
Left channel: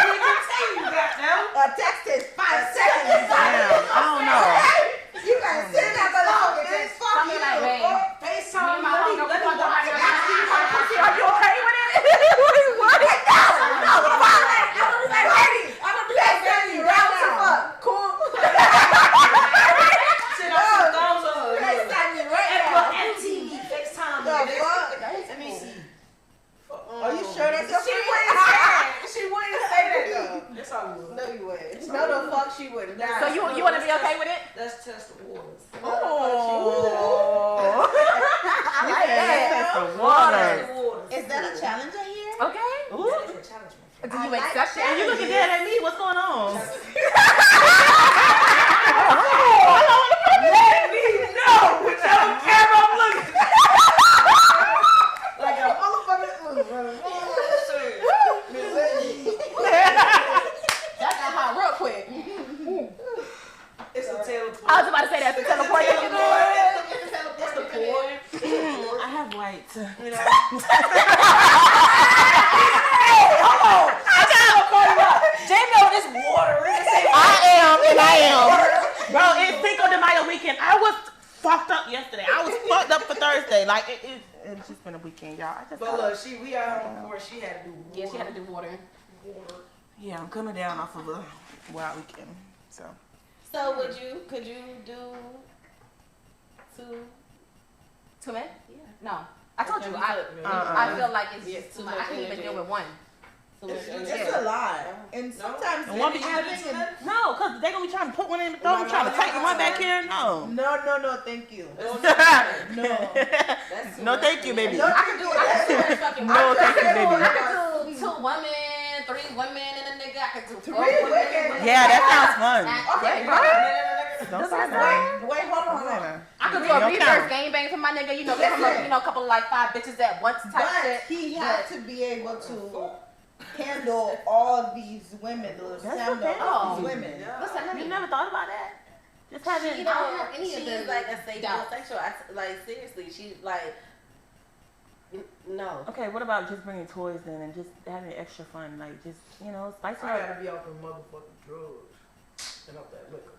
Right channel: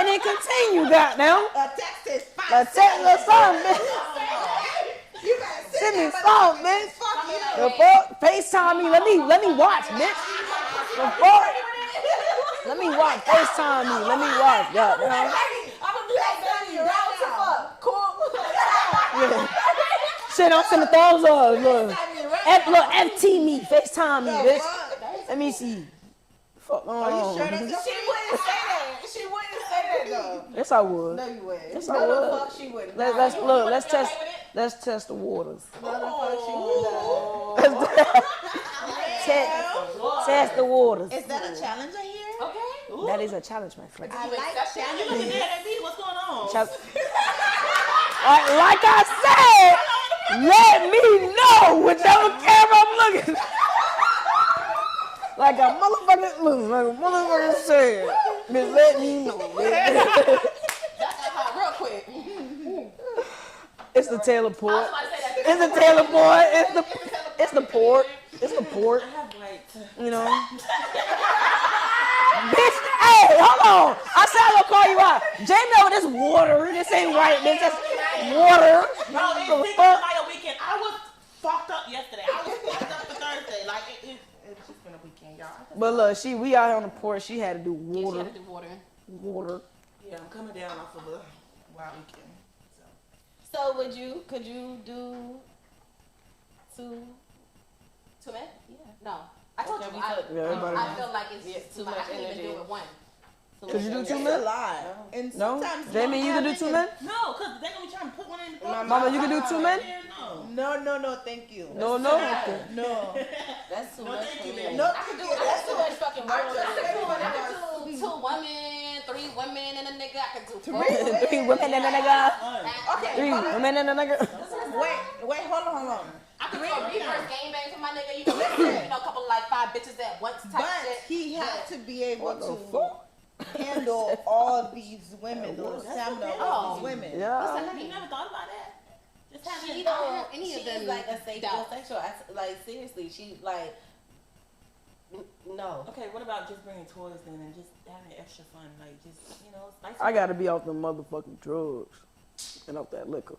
and then continue, goddamn. A text is fine. A text is fine. I don't know. You gotta send that phone, man. Fuck you. Like, FaceTime me. Let me watch, bitch. Let me watch. FaceTime me. Let me watch. I'm gonna do that, baby. Round to fuck. look, FT me, FaceTime me, bitch. Let me see. Fuck. Are you sure that's your She friend? wouldn't say that. She wouldn't say that though. Yes, I would. No, you wouldn't. Yes, No, I the would. fuck she wouldn't. Let's- Nah, let's- you look, want to let's be okay test- with it? Let's test the waters. No, the fuck she wouldn't. Test the waters. Is that a challenge I hear? Okay. That is a challenge, my friend. Do you accept that? You looking dead at me? What's going on? Like I said, let me know whichever camera I'm looking at. Like a motherfucker said. Just let me know. That got hot real quick. It's the Taylor I was port. about to say that. It's the Taylor port. It's the port. It's the port. I have white. You know. Hey, hold on. I said I'm gonna call you out. Jay know this water. This ain't I am. water. Bro, it's Cinco de Mayo weekend. I was fucked up yesterday. I was fucked up for Thursday. Like, it's just been a weekend, y'all. But look, we out on the porch. She had to do Yeah, she water. had to do water. Water. Yeah, I'm coming down off of a wild weekend. So. So could you do two men? Yeah. No. I told you, I feel like it's just too much. I can't even deal with one. It's a lot. And sometimes Jamie, you can do two men? No, because they're going to be trying to put one in the throat. Mama, Trying to you take can do one two back men? here. No. No, thank you. No. No. That's too No, much thank for you, me. baby. I can do too much fucking No, work. thank you, I baby. can do 2 women, 3 women, and a nigga. I can do 4 Really? women. Yeah, that sounds fun. Okay, wait, hold on. I could do No a reverse count. gangbang for my nigga. You know, a couple of like 5 bitches at once type But shit. he had to be able to handle all these women, the stamina of all these women. Listen, you never thought about that? Just having She I don't don't. have any of She's them like a safe doubts. sexual. Like seriously, she like. No. Okay, what about just bringing toys then and just having extra fun? Like, just, spice it I up. gotta be off the motherfucking drugs and off that liquor.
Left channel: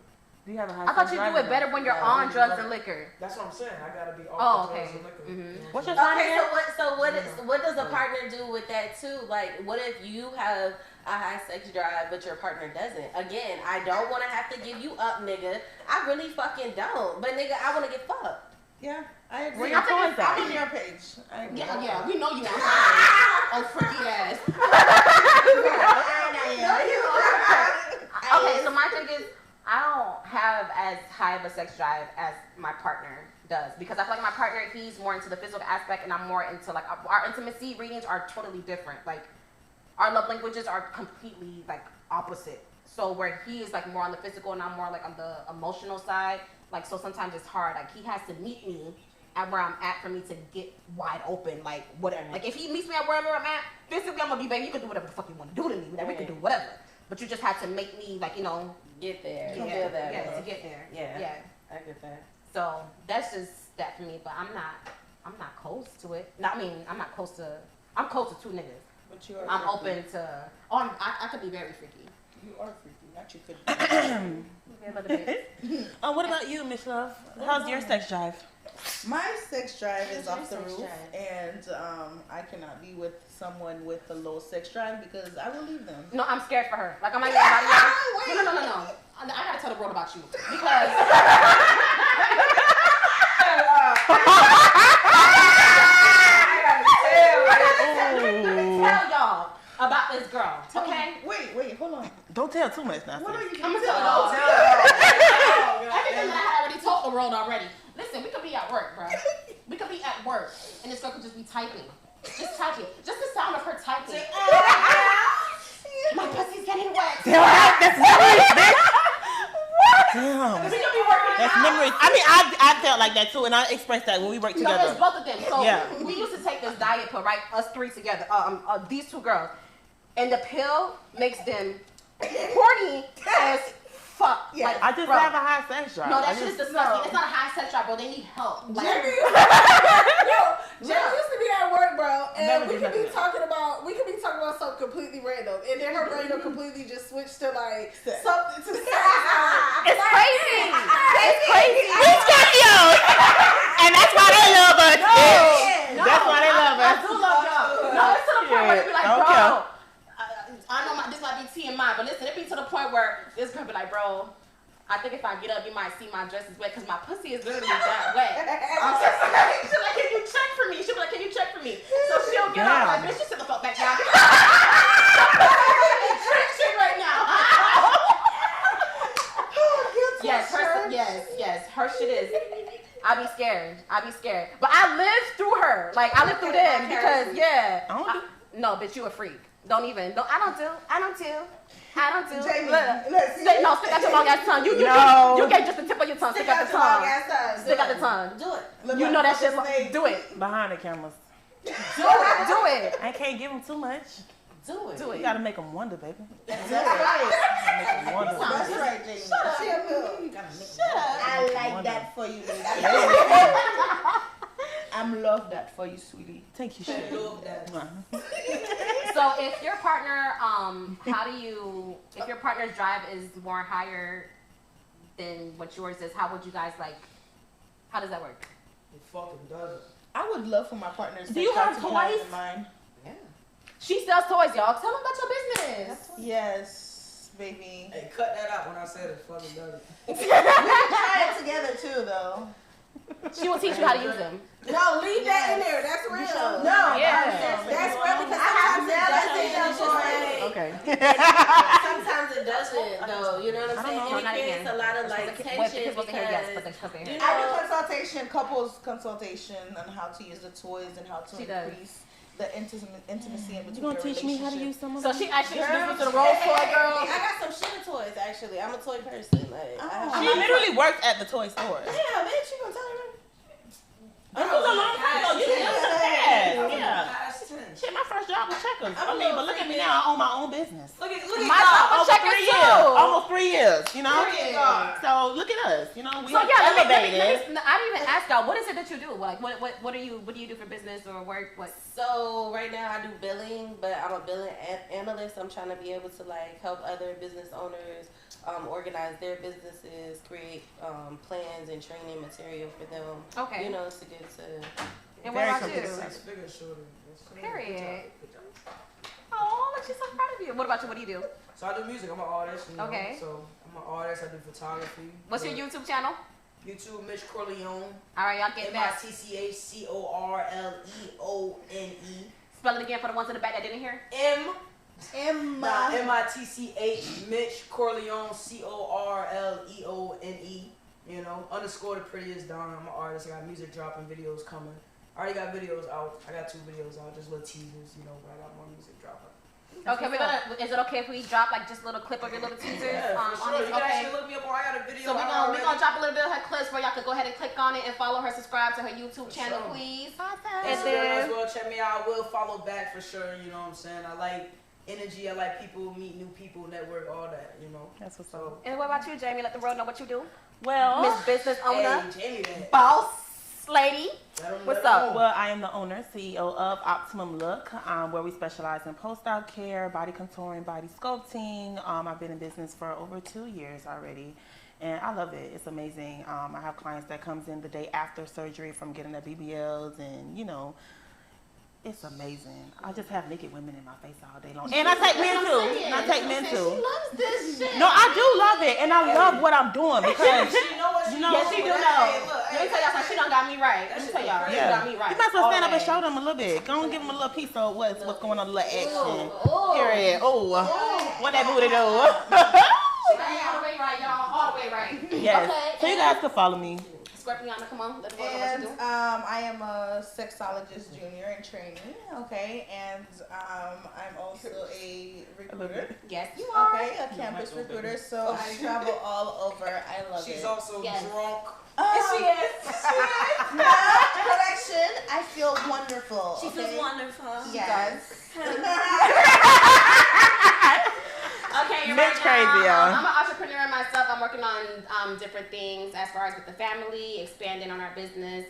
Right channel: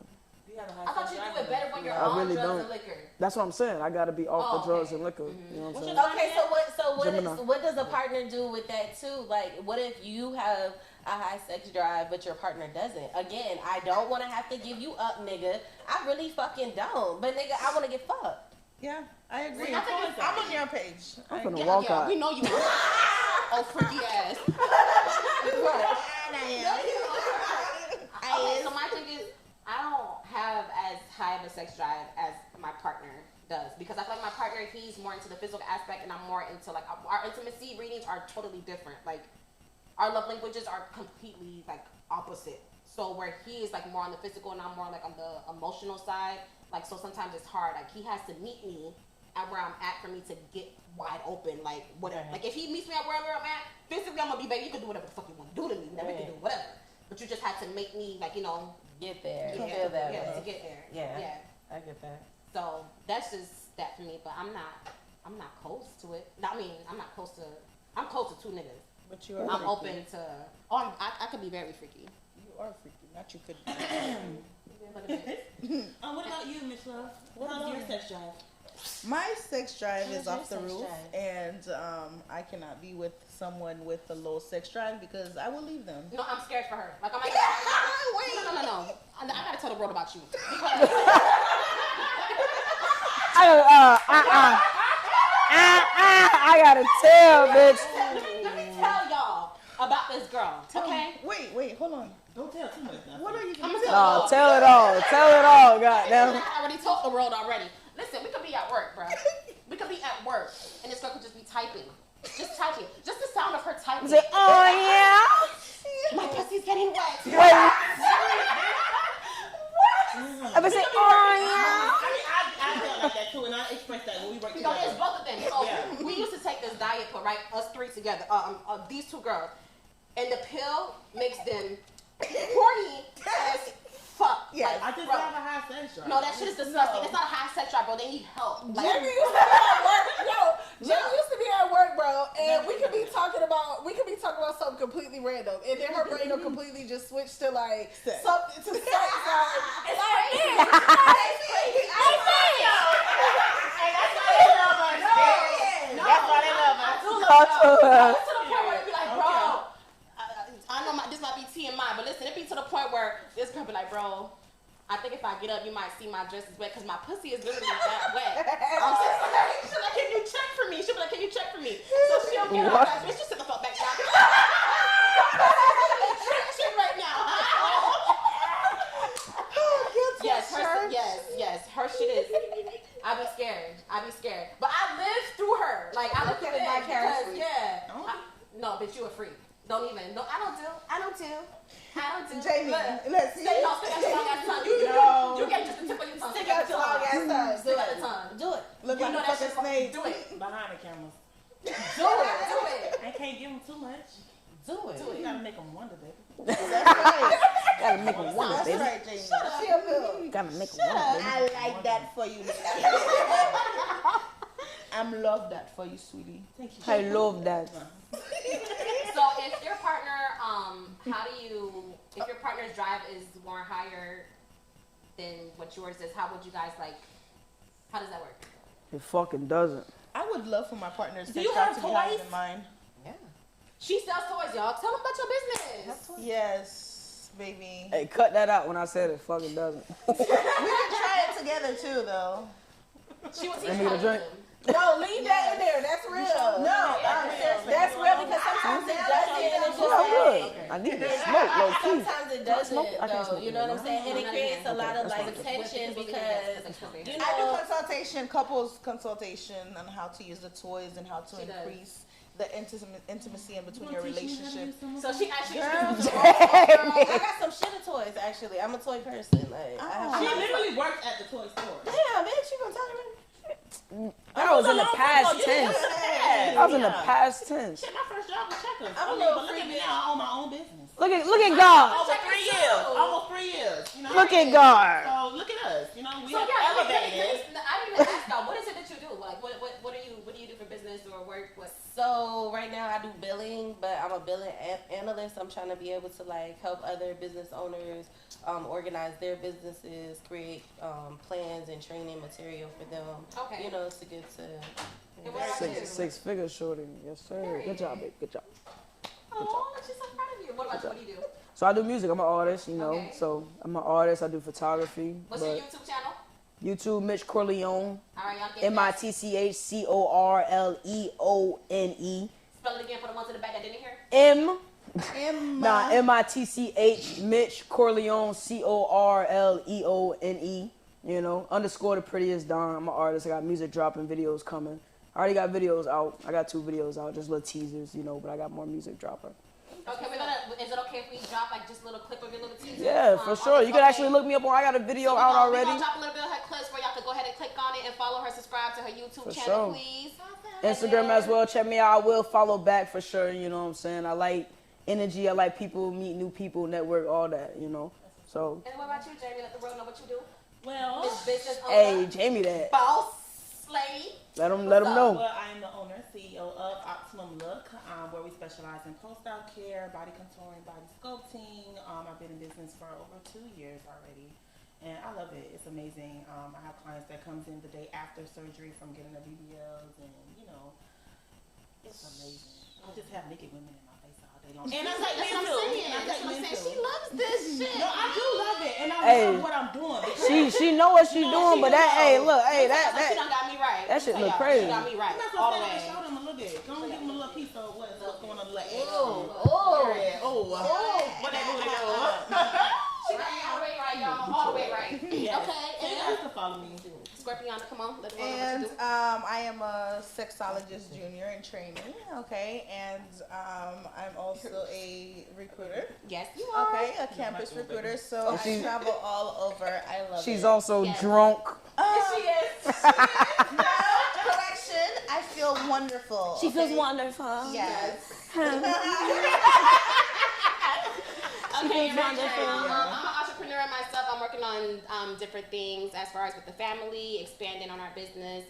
Do you have a high I thought you sex do it drive? better when you're I on really drugs don't. and liquor. That's what I'm saying. I gotta be off Oh, the drugs okay. and liquor. You know what What's I'm your saying? Okay, Gemini? what does a partner do with that too? Like, what if you have a high sex drive but your partner doesn't? Again, I don't want to have to give you up, nigga. I really fucking don't. But nigga, I want to get fucked. Yeah, I agree. I think it's- I'm on your page. I'm Yeah, walk yeah, out. we know you are. Oh, freaky ass. Okay, so my thing is, I don't have as high of a sex drive as my partner does because I feel like my partner, he's more into the physical aspect and I'm more into like our intimacy readings are totally different. Like our love languages are completely like opposite. So where he is like more on the physical and I'm more like on the emotional side. Like so sometimes it's hard. Like he has to meet me at where I'm at for me to get wide open. Like whatever. Like if he meets me at wherever I'm at, physically I'm gonna be baby. You can do whatever the fuck you want to do to me. Whatever you can do, whatever. But you just have to make me like Get there. yeah, Feel that yeah, way. to get there. Yeah. Yeah. I get that. So that's just that for me. But I'm not close to it. No, I mean I'm not close to. I'm close to 2 niggas. But you are. I'm freaky. open to. I could be very freaky. You are freaky, not you could. What about you, Miss Love? How's your sex drive? My sex drive is How's off the your sex roof, drive? and I cannot be with someone with a low sex drive because I will leave them. No, I'm scared for her. Like I'm like, no. I gotta tell the world about you because I gotta tell, bitch. let me tell y'all about this girl. Okay. Wait, hold on. Don't tell too much now. What are you I'm gonna gonna tell? tell Tell it all. Tell it all, I goddamn. already told the world already. Listen, we could be at work, bro. We could be at work, and this girl could just be typing. Just typing. Just the sound of her typing. My pussy's getting wet. That's memories, bitch. Damn. We could be working That's out. memories. I mean, I felt like that too, and I expressed that when we worked No, together. it's both of them. So Yeah. we used to take this diet pill, right? Us 3 together. These 2 girls, and the pill makes them horny as fuck. Yeah. Like, I just bro. have a high sex drive. No, that shit is disgusting. It's not a high sex drive, bro. They need help. Like, Jenny used to be at work, bro, and we could be talking about something completely random, and then her brain will completely just switch to like Sex. something to sex. it's crazy. It's crazy. These videos, and that's why they love us. No, That's why they love I us. do love y'all. No, it's to the point where they be like, Okay. bro. I know this might be TMI, but listen, it be to the point where this girl be like, bro, I think if I get up, you might see my dress is wet because my pussy is literally that wet. She's like, can you check for me? She'll be like, can you check for me? So she'll get up, like, bitch, you sit the fuck back down. Shit right now. Yes, her shit is. I be scared. But I lived through her. Like, I lived through them because, no, bitch, you a freak. Don't even. No, I don't do. Jamie, let's see. No, stick out your long ass tongue. You get just the tip of your tongue. Stick out the tongue. Stick out the tongue. Do it. You know that shit's made. Do it. Behind the cameras. Do it. I can't give them too much. Do it. You gotta make them wonder, baby. That's right. That's right, Jamie. Shut up. You gotta make them wonder. I like that for you, lady. I'm love that for you, sweetie. Thank you. I love that. So if your partner, if your partner's drive is more higher than what yours is, how would you guys how does that work? It fucking doesn't. I would love for my partner's Do you sex have drive to be higher toys? than mine. Yeah. She sells toys, y'all. Tell them about your business. Yes, baby. Hey, cut that out when I said it fucking doesn't. We can try it together too, though. She will teach you how to use them. No, leave that in there. That's real. No, That's real because sometimes it doesn't. Okay. Sometimes it doesn't, though. You know what I'm saying? And it creates a lot of tension because I do consultation, couples consultation on how to use the toys and how to increase the intimacy in between your relationship. So she actually introduced I got some shitty toys, actually. I'm a toy person. She literally works at the toy store. Yeah, bitch, you gonna tell her? I was in the past tense. I was in the past tense. Shit, my first job was checkers. But look at me now. I own my own business. Look at God. Almost 3 years. Almost 3 years. You know. Look at God. So look at us. You know. We let elevated. me, I didn't even ask y'all. What is it that you do? Like, what do you do for business or work? What? So right now I do billing, but I'm a billing analyst. I'm trying to be able to help other business owners organize their businesses, create plans and training material for them. Okay. You know, to get to. And what about you? 6 figures, shorty. Yes, sir. Period. Good job. Oh, she's so proud of you. What about you? What do you do? So I do music. I'm an artist, you know. Okay. So I'm an artist. I do photography. What's your YouTube channel? YouTube, Mitch Corleone. All right, y'all get MITCHCORLEONE. Spell it again for the ones in the back that didn't hear. MITCH, Mitch Corleone, CORLEONE. You know, underscore the prettiest Don. I'm an artist. I got music dropping, videos coming. I already got videos out. I got 2 videos out, just little teasers, you know, but I got more music dropping. Okay, is it okay if we drop just a little clip of your little teaser? Yeah, for sure. You can actually look me up on. I got a video so out already. We're gonna drop a little bit of her clips where y'all could go ahead and click on it and follow her, subscribe to her YouTube channel, please. Instagram as well. Check me out. I will follow back for sure. You know what I'm saying? I like energy. I like people, meet new people, network, all that. You know. That's what's up. And what about you, Jamie? Let the world know what you do. Well, Miss Business Owner. Hey, Jamie, that Boss Lady. Let them know. Well, I am the owner, CEO of Optimum Look, where we specialize in post-out care, body contouring, body sculpting. I've been in business for over 2 years already, and I love it. It's amazing. I have clients that comes in the day after surgery from getting their BBLs, and you know, it's amazing. I just have naked women in my face all day long, and I take men too. She loves this shit. No, I do love it, and I love what I'm doing because she know what she's doing, but that, she done got me right. That shit look crazy. She got me right. You might as well stand up and show them a little bit. Go and give them a little piece of what's going on, a little action. Period. What that booty do? She got me all the way right, y'all. All the way right. Yes. Okay. So you guys can follow me. Scorpiana, come on. Let's go. And I am a sexologist junior in training, okay? And I'm also a recruiter. Yes, you are. Okay, a campus recruiter. So I travel all over. I love it. She's also drunk. She is. No, correction. I feel wonderful. She feels wonderful. Yes. Okay, That's crazy, y'all. I'm an entrepreneur myself. I'm working on different things as far as with the family, expanding on our business.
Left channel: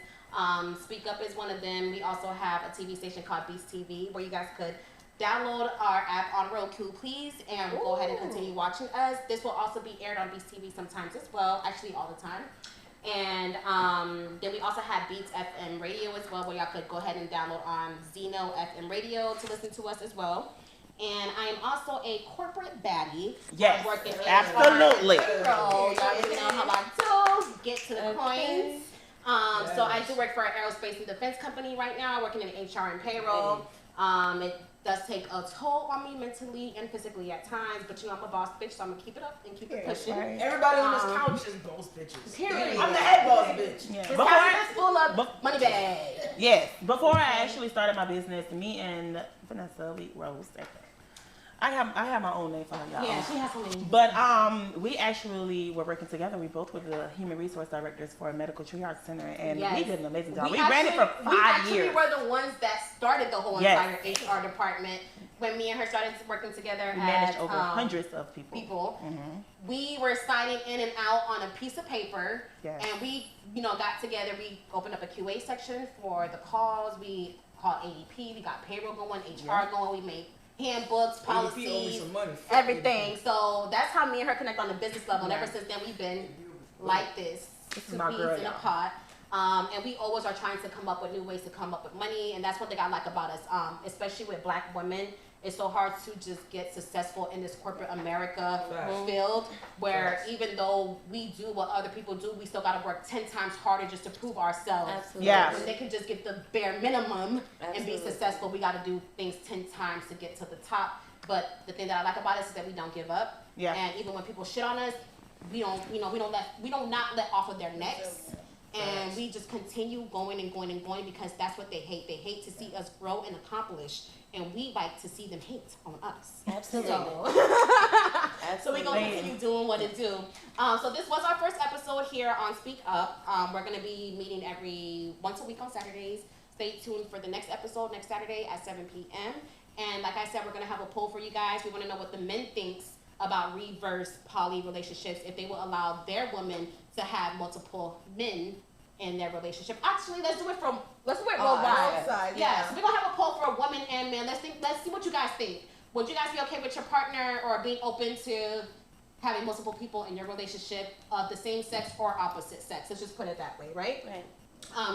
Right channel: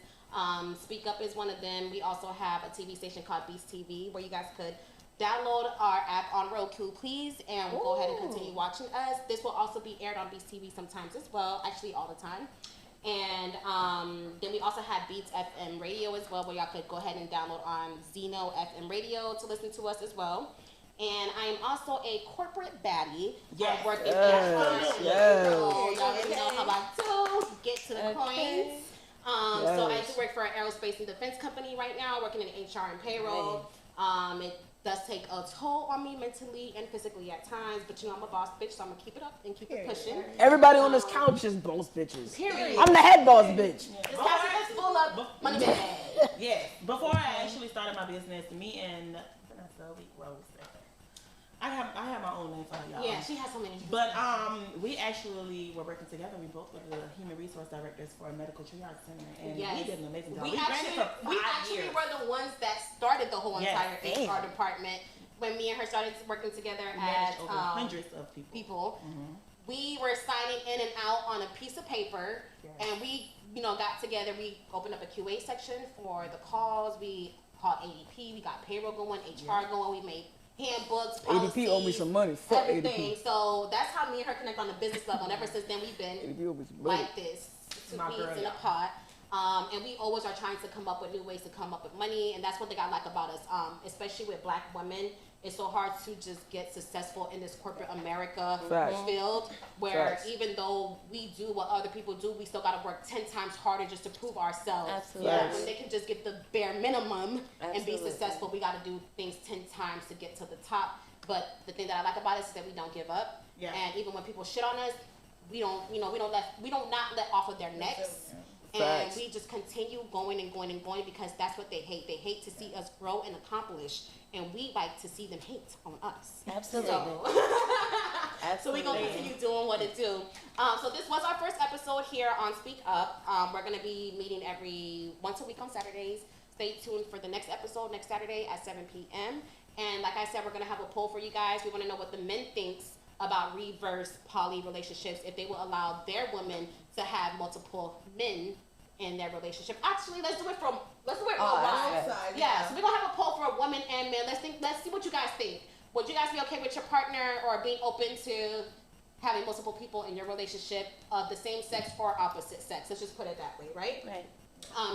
Speak Up is one of them. We also have a TV station called Beast TV where you guys could download our app on Roku, please, and go ahead and continue watching us. This will also be aired on Beast TV sometimes as well, actually all the time. And then we also have Beats FM Radio as well, where y'all could go ahead and download on Zeno FM Radio to listen to us as well. And I am also a corporate baddie. Yes, I work in absolutely. Y'all already know how I do. Get to the coins. So I do work for an aerospace and defense company right now, working in HR and payroll. It does take a toll on me mentally and physically at times, but I'm a boss bitch, so I'm gonna keep it up and keep it pushing. Everybody on this couch is boss bitches. Period. I'm the head boss bitch. This couch is full of money bag. Yes. Before I actually started my business, me and Vanessa, we rose. I have my own name for her, y'all. Yeah, she has so many. But we actually were working together. We both were the human resource directors for a medical triage center, and we did an amazing job. We ran it for 5 years. We were the ones that started the whole entire HR department. When me and her started working together, we managed over hundreds of people. We were signing in and out on a piece of paper, and we, got together. We opened up a QA section for the calls. We called ADP. We got payroll going, HR going. We made handbooks, policies, ADP owe me some money. everything. So that's how me and her connect on a business level. And ever since then, we've been like this, two peas in a pot. And we always are trying to come up with new ways to come up with money. And that's one thing I like about us, especially with Black women. It's so hard to just get successful in this corporate America field where even though we do what other people do, we still got to work 10 times harder just to prove ourselves. Absolutely. Yes. When they can just get the bare minimum and be successful, we got to do things 10 times to get to the top. But the thing that I like about us is that we don't give up. Yeah. And even when people shit on us, we don't not let off of their necks. And we just continue going and going and going because that's what they hate. They hate to see us grow and accomplish. And we like to see them hate on us. Absolutely. So we're going to continue doing what it do. So this was our first episode here on Speak Up. We're going to be meeting once a week on Saturdays. Stay tuned for the next episode next Saturday at 7 p.m. And like I said, we're going to have a poll for you guys. We want to know what the men thinks about reverse poly relationships, if they will allow their women to have multiple men in their relationship. Actually, let's do it real wide. Yeah, so we're gonna have a poll for a woman and men. Let's see what you guys think. Would you guys be okay with your partner or being open to having multiple people in your relationship of the same sex or opposite sex? Let's just put it that way, right? Right.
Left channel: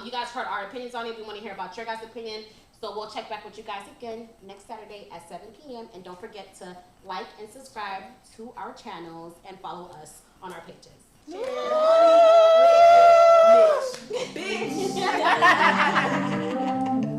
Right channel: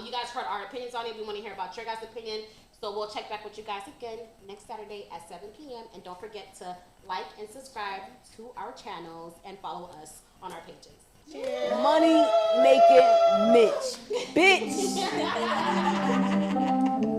You guys heard our opinions on it. We want to hear about your guys' opinion. So we'll check back with you guys again next Saturday at 7 p.m. And don't forget to like and subscribe to our channels and follow us on our pages.